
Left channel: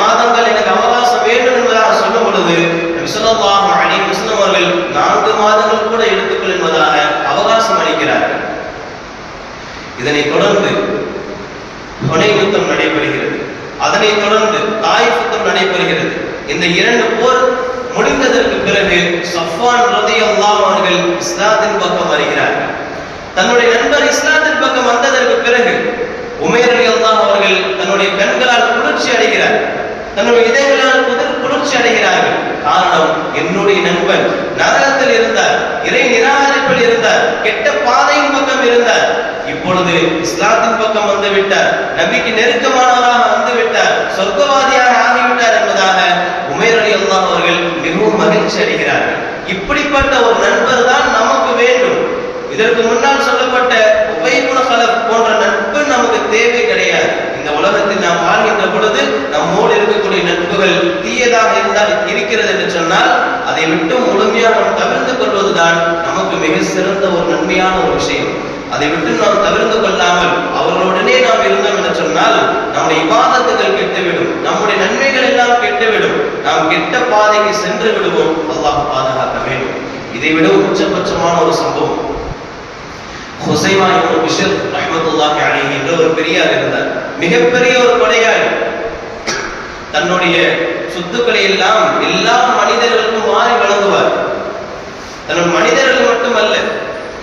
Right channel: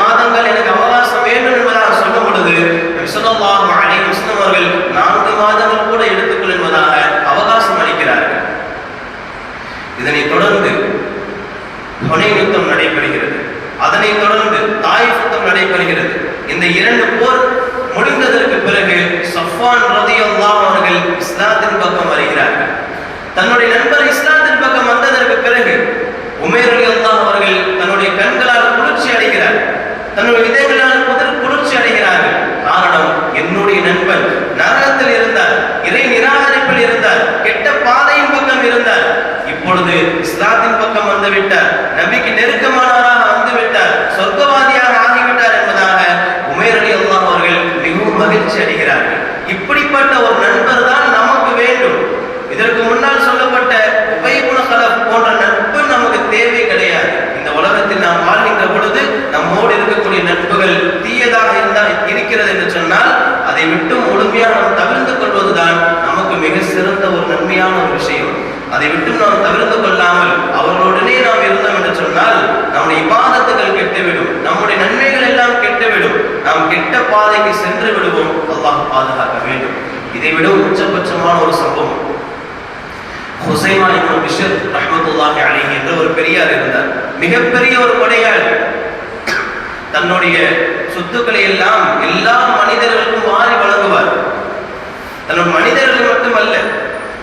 மாதங்கள் எனக்கு அவகாசம் வேண்டும் என்பதாக சொல்லும் பொழுது நபி ஸல்லல்லாஹு அலைஹி வஸல்லம் அவர்கள் 4 மாதங்கள் கூட எடுத்துக்கொள் என்பதாக அவகாசம் அளிக்கிறார்கள். இதனை தொடர்ந்து ஹுனைன் யுத்தம் நடைபெறுகிறது. அதனைத் தொடர்ந்து தாயிஃப் யுத்தம் நடைபெறுகிறது. இந்த 2 போர் முடிந்ததற்கு பிறகு சஃப்வான் ரலியல்லாஹு அவர்கள் இஸ்லாத்தின் பக்கம் வருகிறார்கள். தன்னுடைய நண்பர் இஸ்லாத்தின் பக்கம் வந்ததற்கு பிறகு உமைர் ரலியல்லாஹு அவர்கள் தன்னுடைய கண்களால் குளிர்ச்சி அடைகிறார், தன்னுடைய இதயங்களால் குளிர்ச்சி அடைகிறார்கள். காரணம், என்னுடைய நண்பன் நரகத்தில் இருந்தார், இறை நிராகரிப்பில் இருந்தார், கெட்ட பாதையின் பக்கம் இருந்தார், இப்பொழுது இஸ்லாத்தின் பக்கம் வந்து விட்டார், நபிக்கு நெருக்கமானவராக வந்து விட்டார், சொர்க்கவாதியாக ஆகிவிட்டார் என்பதாக உமைர் ரலியல்லாஹு அவர்கள் மிகவும் மகிழ்ச்சி அடைகிறார்கள். இப்படிப்பட்ட ஒரு நண்பர் தான் நமக்கு வேண்டும். இதற்கு முன்னால் சொல்லப்பட்ட உபய் இப்னு கலப் போன்ற நட்பு நமக்கு தேவை கிடையாது. இந்த உலகத்தில் நாம் வாழ்கின்ற பொழுது நம்மோடு இருக்கக்கூடிய நட்புகள் தீயதாக இருக்கிறது என்று சொன்னால் அதை விட்டு முழுமையாக நாம் தவிர்த்து கொள்வதுதான் நமக்கு மிக சிறந்த ஒரு நன்மையான ஒரு விஷயம். அதை விட்டு நாம் தவிர்த்து கொள்ளாமல் அவர்களுடனே நாம் இருந்தோம் என்று சொன்னால் நம்முடைய இபாதத்துகள் கெட்டுவிடும், நம்முடைய நன்மைகள் எல்லாம் கெட்டுவிடும், நாம் கெட்ட பாதைக்கு சென்று விடுவோம். அல்லாஹ் பாதுகாக்க வேண்டும். இதை விட உச்சபட்சமான ஒரு சம்பவம், ஹுசைமா இப்னு பிஷ்ர் ரஹ்மத்துல்லாஹி அலைஹி என்ற ஒரு பெரியார் இருந்தார். மிகப்பெரிய ஒரு கொடையாளி. தன்னுடைய சொத்துக்களை எல்லாம் எல்லா மனிதர்களுக்கும் வாரி வழங்குவார். தன்னுடைய மனிதர்கள் மட்டுமல்ல,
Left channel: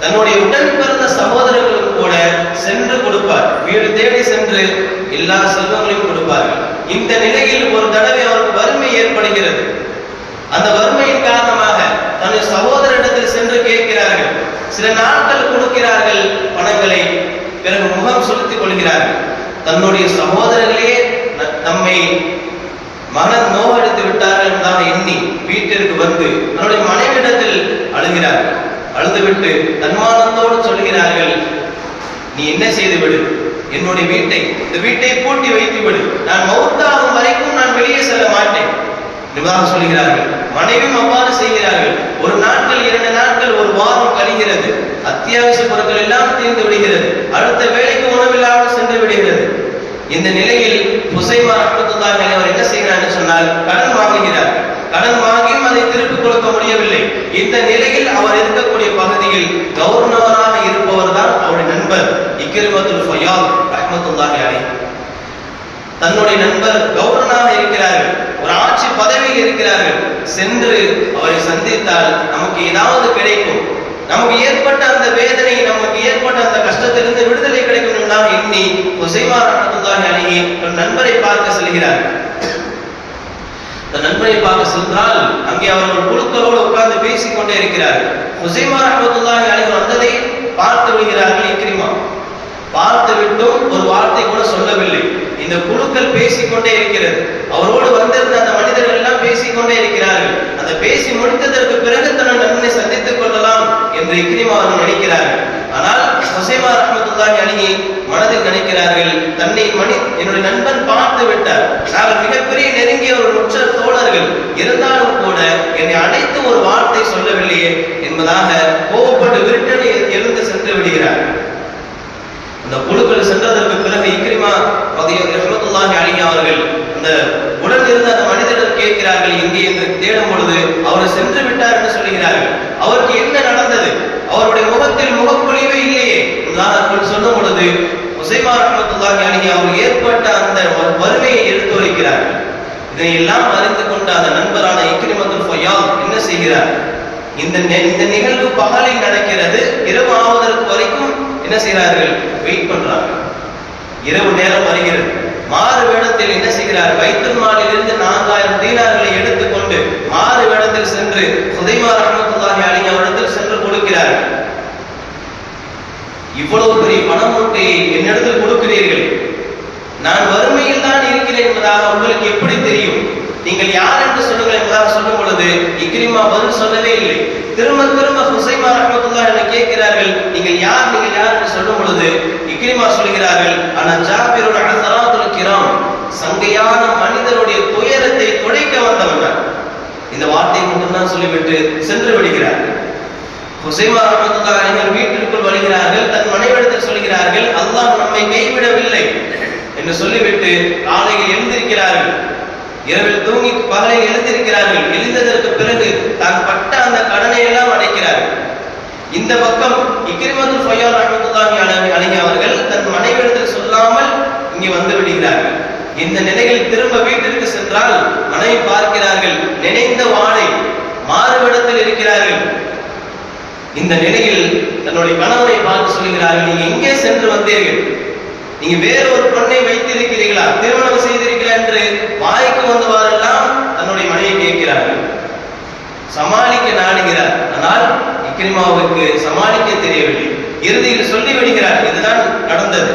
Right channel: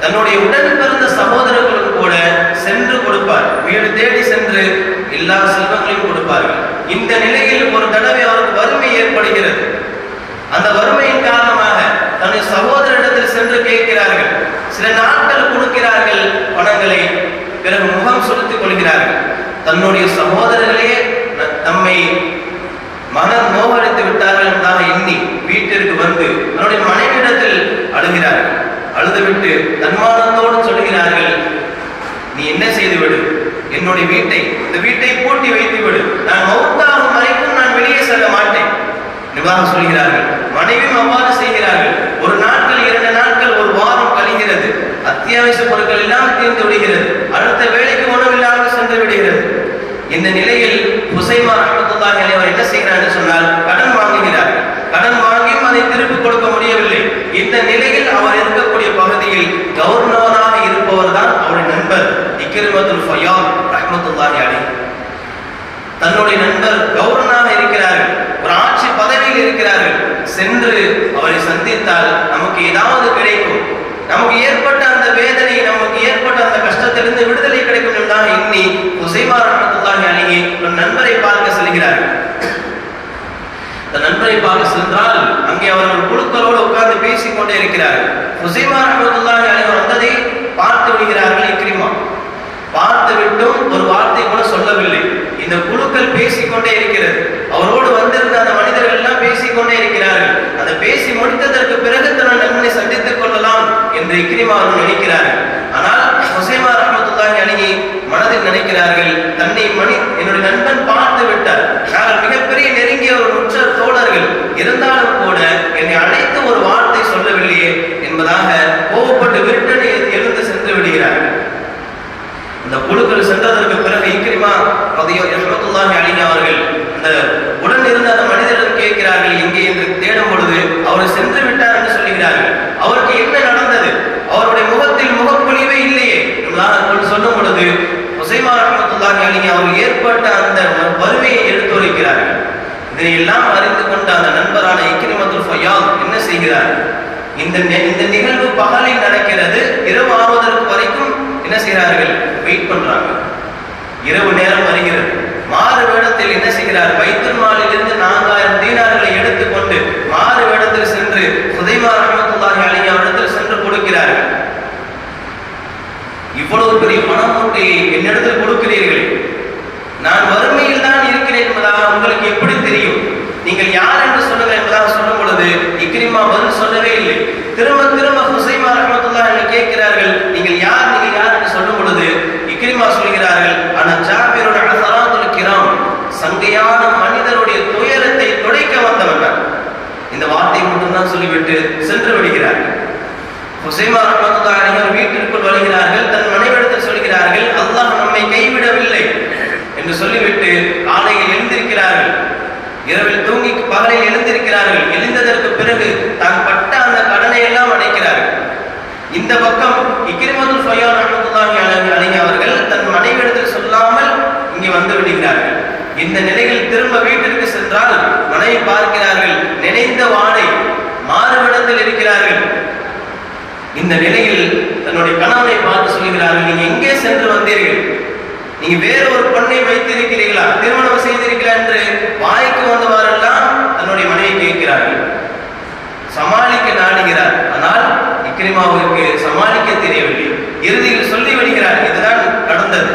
தன்னுடைய உடன் பிறந்த சகோதரர்களுக்கு கூட சென்று கொடுப்பார். வீடு தேடி சென்று எல்லா செல்வங்களையும் கொடுப்பார்கள். இந்த நிலையில் ஒரு தடவை அவருக்கு வறுமை ஏற்படுகிறது. அந்த வறுமையின் காரணமாக தன்னுடைய சகோதரிடத்தில் சென்று கேட்கிறார்கள், சில நாட்கள் கொடுக்கிறார்கள் பணங்களை, பிறகு முகம் சுருத்திக் கொள்கிறார்கள். தன்னுடைய சகோதரர்களே நம்மை மன நோவடித்து விட்டார்கள் என்பதாக எண்ணி வீட்டிற்கு வந்து தன்னுடைய மனைவியிடத்தில் அழுகிறார்கள். அழுதுவிட்டு தன்மானத்தோடு சொல்கிறார்கள், நீ என்ன செய்து விடு, என்னுடைய இந்த வீட்டை பூட்டி வைத்து விடு, நான் மௌத்தாகும் வரைக்கும் நான் வெளியே செல்ல மாட்டேன் என்பதாக சொல்கிறார்கள். மனைவியும் அவ்வாறு செய்கிறார்கள். ஒரு நாட்கள், 2 நாட்கள், ஒரு வாரம் கழிகிறது. அத்தியாவசிய பொருட்கள் எல்லாம் தீர்ந்து விடுகிறது. அடுத்த வேலைக்கு உணவில்லாமல் சென்று விடுகிறது. இந்த நிலையில் ஹுசைமா ரஹ்மத்துல்லாஹி அலைஹி அவர் என்ன செய்கிறார் என்று சொன்னால், கடன் வாங்குகிறார். கடன் வாங்கியும் அதை திருப்பிக் கொடுக்க முடியவில்லை. இந்த நிலையில் அவர் இருக்கக்கூடிய பகுதியில் கவர்னராக இருப்பவர் தான் அவருடைய நண்பர் இக்ரிமத்துல் ஃபையாத் ரஹ்மத்துல்லாஹி அலைஹி. தன்னுடைய நண்பர் கவர்னராக இருக்கிறார்கள், ஒரு ஆட்சி பதவியில் இருக்கிறார்கள். சென்று அவரை சந்தித்தால் நமக்கு ஏதாவது கிடைக்கும், நமக்கு ஏற்பட்ட அந்த வேதனை, நமக்கு ஏற்பட்ட அந்த கஷ்டத்திலிருந்து விடுதலை கிடைக்கும் என்பதாக எண்ணி ஹுசைமா ரஹ்மத்துல்லாஹி அலைஹி ஒரு நண்பரை பார்க்க செல்கிறார்கள். அந்த நண்பரை பார்க்க சென்றால் அங்கே அவர்கள் குழுக்களோடு உட்கார்ந்து பேசிக் கொண்டே இருக்கிறார்கள். ஹுசைமா ரஹ்மத்துல்லாஹி அலைஹி வந்ததை பார்த்து விடுகிறார்கள் இக்ரிமா. பார்த்து விட்டும் ஒரு வார்த்தை கூட சொல்லவில்லை. இந்த குழுக்கள் பேசிக்கொண்டே இருக்கிறது. அவரோடு வந்திருந்த அந்த மனிதர்கள் எல்லாம் பேசிக்கொண்டே இருக்கிறார்கள். அந்த பேசி முடித்ததற்கு பிறகு தன்னை நண்பனை சந்தித்துக் கொள்ளலாம் என்று இக்ரிமா அவர்கள் நினைக்கிறார்கள். ஆனால் ஹுசைமா ரஹ்மத்துல்லாஹி அலைஹி மனதில் நினைக்கிறார்கள், என்னுடைய நண்பன் பார்த்து விட்டார், நாங்கள் மிகப்பெரிய நெருங்கிய ஒரு உற்ற தோழர்கள், இருந்தாலும் கூட என்னை அழைத்து ஒரு வார்த்தை சொல்லவில்லையே என்பதாக கோபப்பட்டு விருட்டடி எழுந்து சென்று விடுகிறார்கள். அந்த குழுக்கள் சென்றதற்கு பிறகு இக்ரிமா ரஹ்மத்துல்லாஹி அலைஹி அவர்கள் அந்த உடன் இருந்த அந்த மனிதர்கள் கேட்கிறார்கள் எங்கே என்று தேடும் பொழுது அவர் சென்று விட்டார் என்று சொல்லுகிறார்கள். அவருக்கு என்ன நடந்தது, அவருடைய முகத்தில் முகப்பொழிவே இல்லையே என்பதாக சொல்லும் பொழுது ஹுசைமா ரஹ்மத்துல்லாஹி அலைஹி அவர்கள் ஏற்பட்ட அந்த வறுமையை எடுத்துரைக்கிறார்கள். இதனை எல்லாம் அறிந்து கொண்ட அந்த நண்பரான இக்ரிமத்துல் ஃபையாத் என்ன செய்கிறார், இந்த நிகழ்வு பகலில் நடக்கிறது, இரவு ஆவதற்கு வரைக்கும் என்ன செய்கிறார்கள், வெயிட் பண்றாங்க. இரவு நேரம் வருகிறது. மாறு வேடத்தில் என்ன செய்கிறார், பைத்துல் மாலிலிருந்து 4000 தீனார்களை எடுத்துக்கொண்டு மாறு வேடத்தில் சென்று ஹுசைமா ரஹ்மத்துல்லாஹி அலைஹி அவரிடத்தில் சென்று கொடுக்கிறார்கள். இவ்வளவு பெரிய பணம் மூட்டை என்னிடத்தில் கொடுக்கிறீர்கள், நான் வறுமையில் தான் இருக்கிறேன் என்பதாக உங்களுக்கு எப்படி தெரியும், நீங்கள் யார் என்று சொல்லுங்கள் என்பதாக சொல்லும் பொழுது இக்ரிமா பதில் சொல்லவே இல்லை. திரும்ப திரும்ப ஹுசைமா ரஹ்மத்துல்லாஹி அலைஹி கேட்கிறார்கள், நீங்கள் யார் என்று சொல்லும் பொழுது இக்ரிமா சொல்கிறார்கள், அன ஜாபிருன் அஸராத்துல் கிராம், சங்கையான மனிதருடைய துயரத்தை துடைக்க வந்தவர்கள். இந்த வார்த்தை மட்டும்தான் சொல்லிவிட்டு சென்று விடுகிறார்கள். ஹுசைமா ரஹ்மத்துல்லாஹி அலைஹி வீட்டிற்குள் வருகிறார்கள். தன் மனைவியிடத்தில் சொல்கிறார்கள், அல்லாஹ் நம்மை கைவிடவில்லை என்று சொல்லிவிட்டு காலையில் எழுந்திருக்கிறார்கள். இரவில் தூங்கி பகலில் எழுந்திருக்கிறார்கள். எழுந்ததற்கு பிறகு தான் பட்ட அந்த கடனை எல்லாம் அடைக்கிறார்கள். இந்த பக்கம் இக்ரிமத்துல் ஃபையாத் ரஹ்மத்துல்லாஹி அலைஹி அவர்கள் தன் மனைவியிடத்தில் சொல்லாமல் இங்கே வந்து விடுகிறார்கள். இந்த நிலையில் திரும்ப வீட்டிற்கு சென்றால் மனைவி பார்க்கிறார்கள், நினைந்த வாடை மாறுவிடத்தில் இருக்கிறார்கள். இந்த நிலையில் தன்னுடைய கணவனை பார்த்து சொல்கிறார்கள், நீங்க எங்கே சென்று வந்தீர்கள், நீங்க வேற ஒரு பெண்ணை வைத்திருக்கிறீர்களா, திருமணம் செய்திருக்கிறா என்று வாய்க்கு வந்தவாறெல்லாம் தன்னுடைய மனைவியை கேட்கிறார்கள். சமாளிக்க நாடுகிறார். ஆனால் இக்ரிமாவுக்கு சமாளிக்க தெரியவில்லை. இறுதியில் சொல்லி விடுகிறார், இதுதான் நடந்தது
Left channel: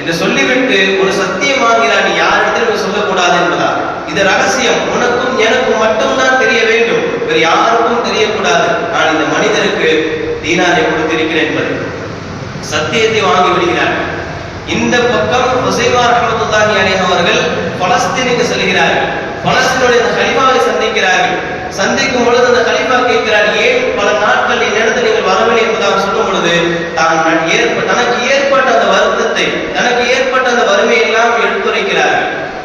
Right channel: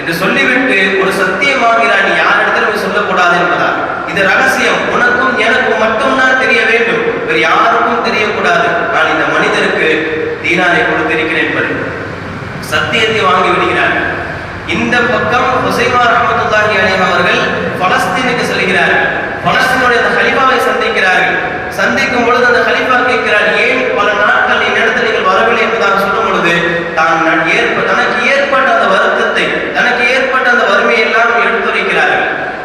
என்று சொல்லிவிட்டு ஒரு சத்தியமாகிறார், நீ யாரிடத்திலும் சொல்லக்கூடாது என்பதால் இது ரகசியம், உனக்கும் எனக்கும் மட்டும்தான் தெரிய வேண்டும், வேறு யாருக்கும் தெரியக்கூடாது, நான் இந்த மனிதருக்கு தீனாரை கொடுத்திருக்கிறேன் என்பது சத்தியத்தை வாங்கி விடுகிறார். இந்த பக்கம் ஹுசைமா ரஹ்மத்துல்லாஹி அலைஹி அவர்கள் பலஸ்தீனுக்கு செல்கிறார்கள். பலஸ்தீனுடைய அந்த கலீஃபாவை சந்திக்கிறார்கள். சந்திக்கும் பொழுது அந்த கலீஃபா கேட்கிறார், ஏன் பல நாட்கள் என்னிடத்தில் நீங்கள் வரவில்லை என்பதாக சொல்லும் பொழுது தனக்கு ஏற்பட்ட அந்த வருத்தத்தை, தனக்கு ஏற்பட்ட அந்த வறுமையெல்லாம் எடுத்துரைக்கிறார்கள்.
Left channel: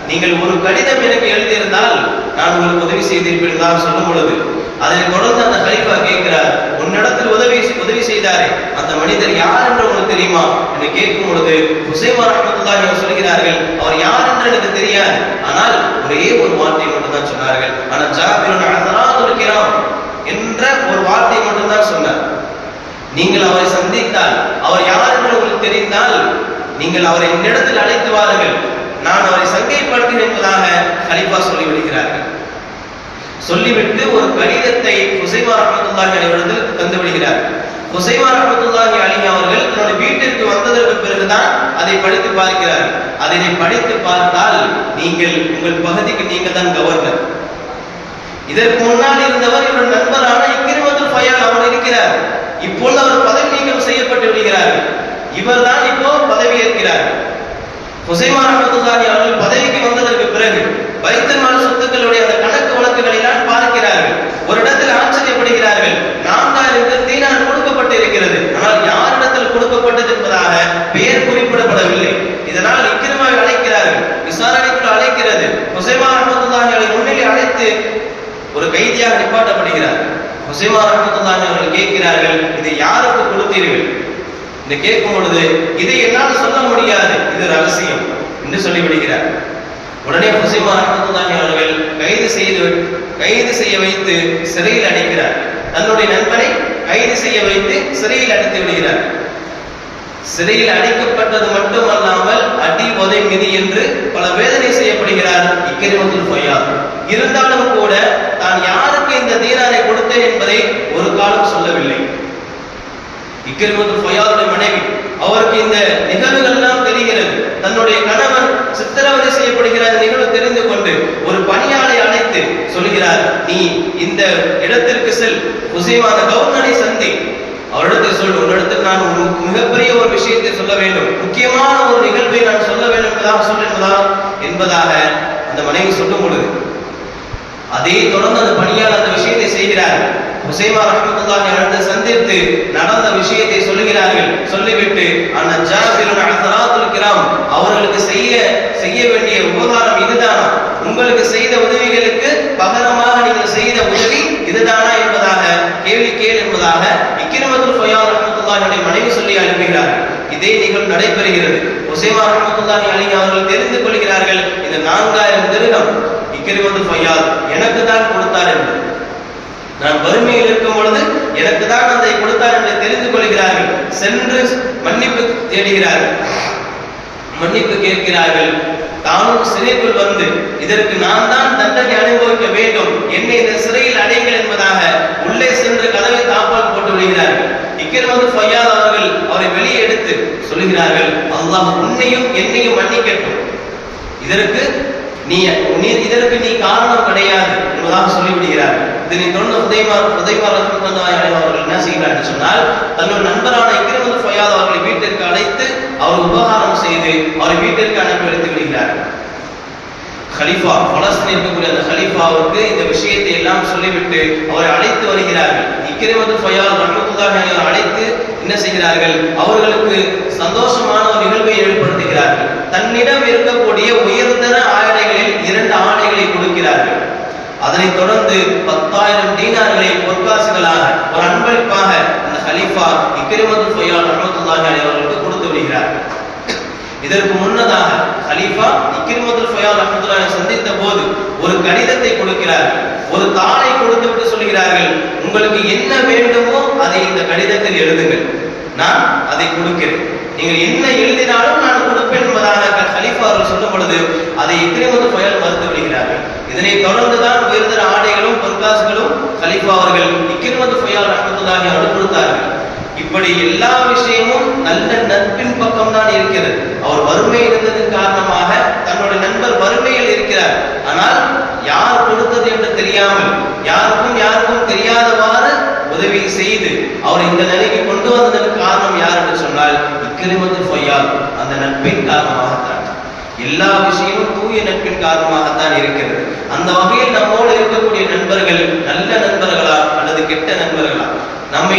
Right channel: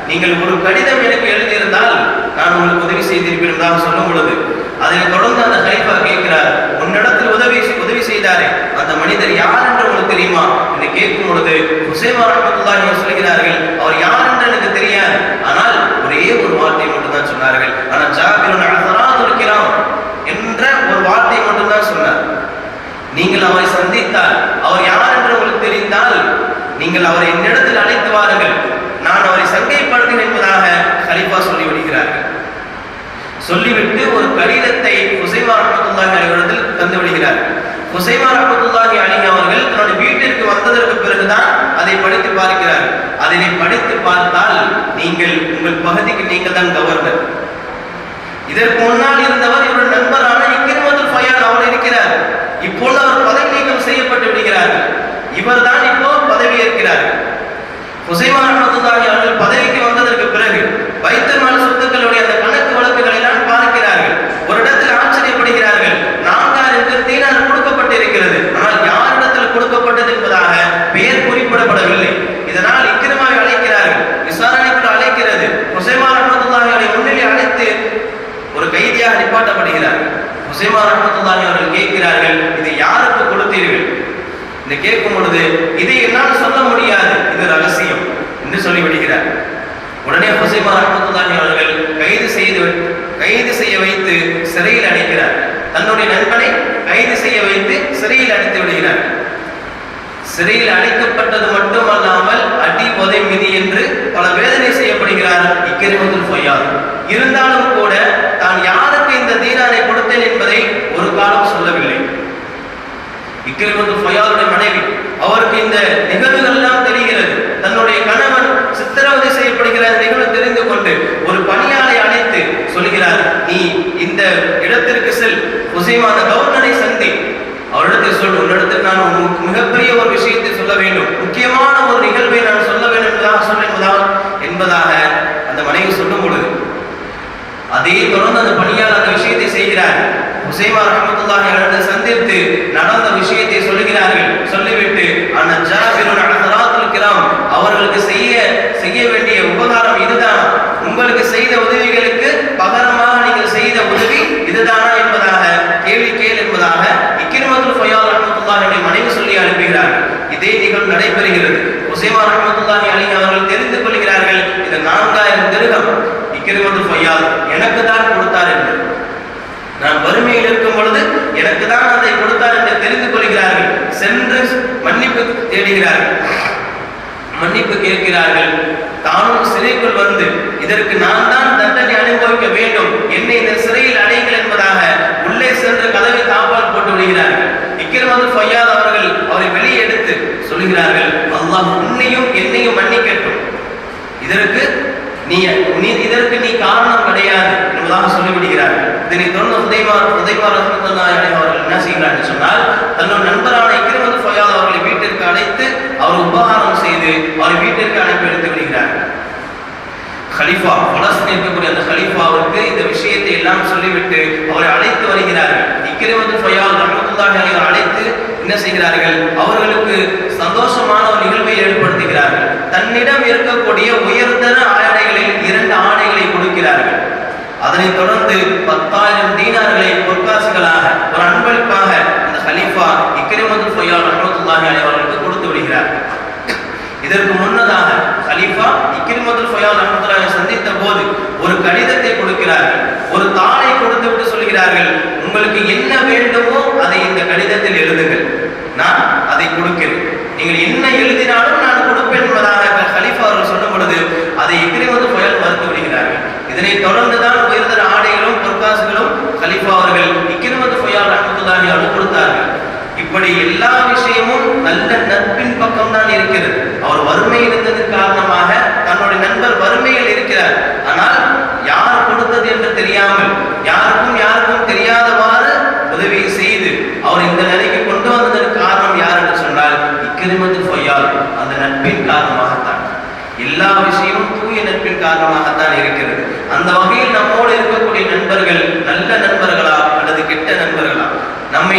நீங்கள் ஒரு கடிதம் எனக்கு எழுதியிருந்தால் நான் உங்களுக்கு உதவி செய்திருப்பேன் என்பதாக சொல்லும் பொழுது அதை தொடர்ந்து அந்த கலீஃபா கேட்கிறார், உன்னிடத்தில் உதவி செய்தாரே அந்த மனிதர் யார் என்று உங்களுக்கு தெரியுமா என்று கேட்கும் பொழுது ஹுசைமா ரஹ்மத்துல்லாஹி அலைஹி சொல்கிறார்கள், அவர் யார் என்று எனக்கு தெரியாது, ஆனால் ஒரே ஒரு வார்த்தை மட்டும்தான் சொன்னார்கள், ஆனா ஜாபிருன் அஸராத்துல் கிராம் என்ற ஒரு வார்த்தை மட்டும்தான் சொன்னார். நீங்கள் அவரை சந்தித்தால், அவர் யார் என்று உங்களுக்கு தெரிந்தால் நீங்கள் அவரை என்னிடத்தில் அழைத்து வாருங்கள், நான் அவரை சங்கைப்படுத்துகிறேன் என்பதாக கலீஃபா சொல்லிவிடுகிறார்கள். சொல்லிவிட்டு ஒரு கடிதத்தை ஹுசைமா ரஹ்மத்துல்லாஹி அலைஹி தந்து விடுகிறார். ஹுசைமா ரஹ்மத்துல்லாஹி அலைஹி அவர்கள் தன்னுடைய வீட்டிற்கு வந்ததற்கு பிறகுதான் அதை படித்து பார்க்கிறார்கள். அதனை படித்து பார்த்தால் நீங்கள் உங்கள் பகுதிக்கு நீங்கள் தான் கவர்னர். இதற்கு முன்னால் இருந்தவர் இவருடைய நண்பரான இக்ரிமத்துல் ஃபயால் அவர் இருக்கிறார். இப்பொழுது அவர் பதவி நீக்கம் செய்யப்பட்டு விடுகிறார். இவர் தான் இப்போ பதவி ஏற்கிறார். ஹுசைமா ரஹ்மத்துல்லாஹி அவர்கள் பதவிக்கு வந்ததற்கு பிறகு பைத்துல் மால் சொத்துக்களுடைய அந்த கணக்கு வழக்குகளை எல்லாம் பார்க்கிறார்கள். ஒரு இடத்தில் ஆச்சரியப்படுகிறார்கள். 4000 தீனார் கொடுக்கப்பட்டிருக்கிறது, ஆனால் யாரிடத்தில் கொடுக்கப்பட்டது என்பதாக பெயர் குறிப்பிடப்படவில்லை. இதனால் இக்ரிமாவை அழைக்கிறார்கள். விசாரணைக்குள் அழைக்கிறது. ஹுசைமா ரஹ்மத்துல்லாஹி அவர்களை முன்னிலை அழைத்து ஒரு கைதியாக நிப்பாட்டப்படுகிறார். ஹுசைமா ரஹ்மத்துல்லாஹி அவர்கள் கேட்கிறார்கள், இதை யாருக்கு கொடுத்தீர்கள் என்று கேட்கும் பொழுது, இதை என்னால் சொல்ல முடியாது, இது ரகசியம் என்று சொல்லிவிடுகிறார். உடனே ஹுசைமா ரஹ்மத்துல்லாஹி அவர்கள் கைது செய்ய வைத்து சிறையில் அடைக்கிறார். தன்னுடைய நண்பனை கைது செய்ய வைத்து சிறையில் அடைத்து விடுகிறார். சிறையில் அடைக்கப்பட்டது மட்டுமல்லாமல் அடி உதை மிதி என்று பல வேதனை செய்யப்படுகிறார் இக்ரிமத்துல் ஃபயால். இருந்தாலும் கூட தான் யாருக்கு இந்த தீனாரை கொடுத்தேன் என்பதை ஒரு காலம் சொல்லவில்லை. இக்ரிமத்துல் ஃபயாலுடைய மனைவி, அவருக்கு இந்த நிகழ்வுகள் எல்லாம் தெரிகிறது. தன்னுடைய கணவன் சித்திரவதை செய்யப்படுகிற நிகழ்வு தெரிந்து கொண்டு ஒரு பணியாளை அழைத்து சொல்கிறார், நீ இந்த இடத்திற்கு செல், ஹுசைமா அந்த கவர்னரை சந்தி, அவரிடத்தில் சொல், உன்னிடத்தில் நான் மிகப்பெரிய ஒரு விஷயத்தை சொல்ல வேண்டும், முக்கியமான ஒரு நிகழ்வை நான் சொல்ல வேண்டும் என்பதாக அந்த மனைவி சொல்லும் பொழுது அதே தொடர்ந்து அந்த பணியாளர் அந்த விஷயத்தை செய்கிறார். ஹுசைமா ரஹ்மத்துல்லாஹி அலைஹி சந்தித்து நடந்த விஷயத்தை சொல்லுகிறார்கள். சொல்லிவிட்டு அந்த ஜாபிருன் அஹ்தராத்துல் கிராம் அவர்களுக்கு செய்ய வேண்டிய உபகாரம் இதுதானா, உங்களுக்கு செய்த உதவிகளுக்கு பகரமாக நீங்கள் செய்த உதவி இதுதானா என்பதாக கேள்வி கேள் என்பதாக இக்ரிமத்துல் ஃபயால் ரஹ்மத்துல்லாஹி அலைஹி மனைவி சொல்லி அனுப்புகிறார். இதே நிகழ்வு நடைபெறுகிறது. ஹுசைமா ரஹ்மத்துல்லாஹி அலைஹி அவர்கள் தெரிந்து கொள்கிறார்கள், இது 4000 திர்ஹம் இக்ரிமத்துல் ஃபயால் எனக்கு தான் கொடுத்தார் என்று. நான் வறுமையில் இருக்கும் பொழுது எனக்கு தான் அதை கொடுத்தார் என்று தெரிந்து கொள்கிறார்கள். சென்று மன்னிப்பு தேடுகிறார்கள், மன்னிப்பு கேட்கிறார்கள். தானும் சிறைக்குள் வந்து இதற்கு நான் தான் தண்டனை அனுபவிக்க வேண்டும், என்னை இந்த சிறையில் அடையுங்கள் என்பதாக உள்ளே சென்று கதவை தாப்பால் போட்டு விடுகிறார்கள். இக்ரிமத்துல் ஃபயால் அவர்கள் அவரை வெளியே எடுத்து சொல்லுகிறார்கள், அல்லாஹ் உன்னையும் என்னையும் மன்னிக்கட்டும், இதற்கு நீ காரணம் கிடையாது என்பதாக சொல்லிவிடுகிறார்கள். இதனை தொடர்ந்து ஹுசைமா ரஹ்மத்துல்லாஹி அலைஹி அவர்கள் என்ன செய்கிறார் என்று சொன்னால், தன்னுடைய நண்பரான இக்ரிமத்துல் ஃபயால் அவர்களை வீட்டிற்கு அழைத்து அவர் உபகாரம் செய்து அவரை வீட்டிற்கு அனுப்பி எடுத்து விடுகிறார்கள். கலீஃபா, பலஸ்தீனில் இருக்கக்கூடிய அந்த கலீஃபாவுக்கு இந்த விஷயத்தை எல்லாம் சொல்லிவிட்டு அவரை அழைத்து வருகிறார்கள். இக்ரிமத்துல் ஃபயால் ரஹ்மத்துல்லாஹி அலைஹி அழைத்து என்ன செய்கிறார்கள், அவர்களுக்கு சந்தோஷமான ஒரு நிகழ்வை ஏற்படுத்துகிறார்கள். தன்னிடம் இருக்கக்கூடிய உயர்தர ஆடைகளில் 2 ஆடைகளை கொடுக்கிறார்கள். அதனைத் தொடர்ந்து 10,000 தீனார்களை பொற்காசுகளாக ஒரு அன்பளிப்பாக அந்த கலீஃபா இக்ரிமத்துல் ஃபயால் ரஹ்மத்துல்லாஹி அலைஹி அவர்களுக்கு கொடுத்து விடுகிறார். இதற்கு முன்னதாக கலீஃபா இக்ரிமத்துல் ஃபயால் ரஹ்மத்துல்லாஹி அலைஹி சந்தித்த போது ஒரு கடிதத்தை கொடுக்கிறார்கள். ஒரு தாளை கொடுத்து விட்டு சொல்கிறார்கள், உங்களுக்கு என்ன வேண்டுமோ அதை இந்த கடிதத்தில் எழுதுங்கள், நான் அதை கொடுக்கிறேன், நீங்கள் என்ன எழுதினாலும் நான் கொடுப்பேன் என்பதாக கலீஃபா அவர்கள் சொல்லும் பொழுது அதை இக்ரிமத்துல் ஃபயால் மறுத்து விடுகிறார்கள். இதனை தொடர்ந்துதான் உயர்தர ஆடைகளும் பொற்காசுகளும் கலீஃபா அவர்கள் இக்ரிமத்துல் ஃபயால் ரஹ்மத்துல்லாஹி அவர்கள் கொடுத்தார்கள். இப்படி எல்லா விஷயமும் நல்ல நட்பின் பக்கம் தான் இருக்கிறது. அவர் வறுமை இருந்ததன் காரணமாக தன்னுடைய நண்பர் வறுமையில் இருக்கிறார், ஆனால் யார் கொடுத்தது என்று தெரியாமல் யாருக்கும் தெரியாதவாறு உதவி செய்து அவர் இந்த நிலைக்கு கொண்டு வந்ததற்கு காரணம் யார் என்று சொன்னால் இக்ரிமத்துல் ஃபயால். அந்த நட்பின் காரணமாகத்தான், எல்லா விஷயமும் தூய நட்பின் காரணமாகத்தான் இருக்கிறது. அந்த வகையில் நம்மோடு இருக்கக்கூடிய நண்பர்கள் நல்ல நண்பர்களா அல்லது கெட்ட நண்பர்களா, நம்மை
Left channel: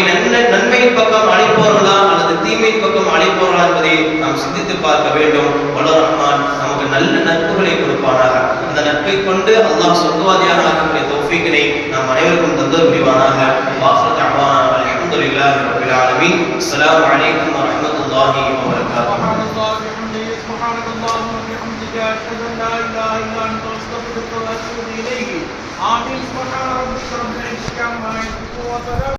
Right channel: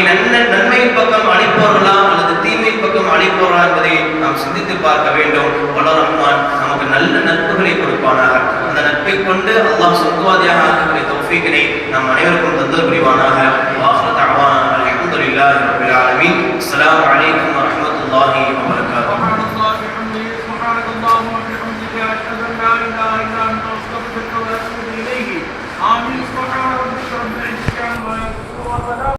நன்மையின் பக்கம் அழைப்பவர்களா அல்லது தீமையின் பக்கம் அழைப்பவர்களா என்பதை நாம் சிந்தித்து பார்க்க வேண்டும். வல்லவர் ரஹ்மான் நமக்கு நல்ல நட்புகளை கொடுப்பானாக. அந்த நட்பை கொண்டு அல்லாஹ் சொர்க்கவாதியாக ஆக்கக்கூடிய தௌஃபீக்கினை நம் அனைவருக்கும் தந்தல் புரிவானாக. வாஹிரு தஅவானா அல்ஹம்துலில்லாஹி ரப்பில் ஆலமீன். அஸ்ஸலாமு அலைக்கும் வரஹ்மத்துல்லாஹி வபரகாத்துஹு. آمين.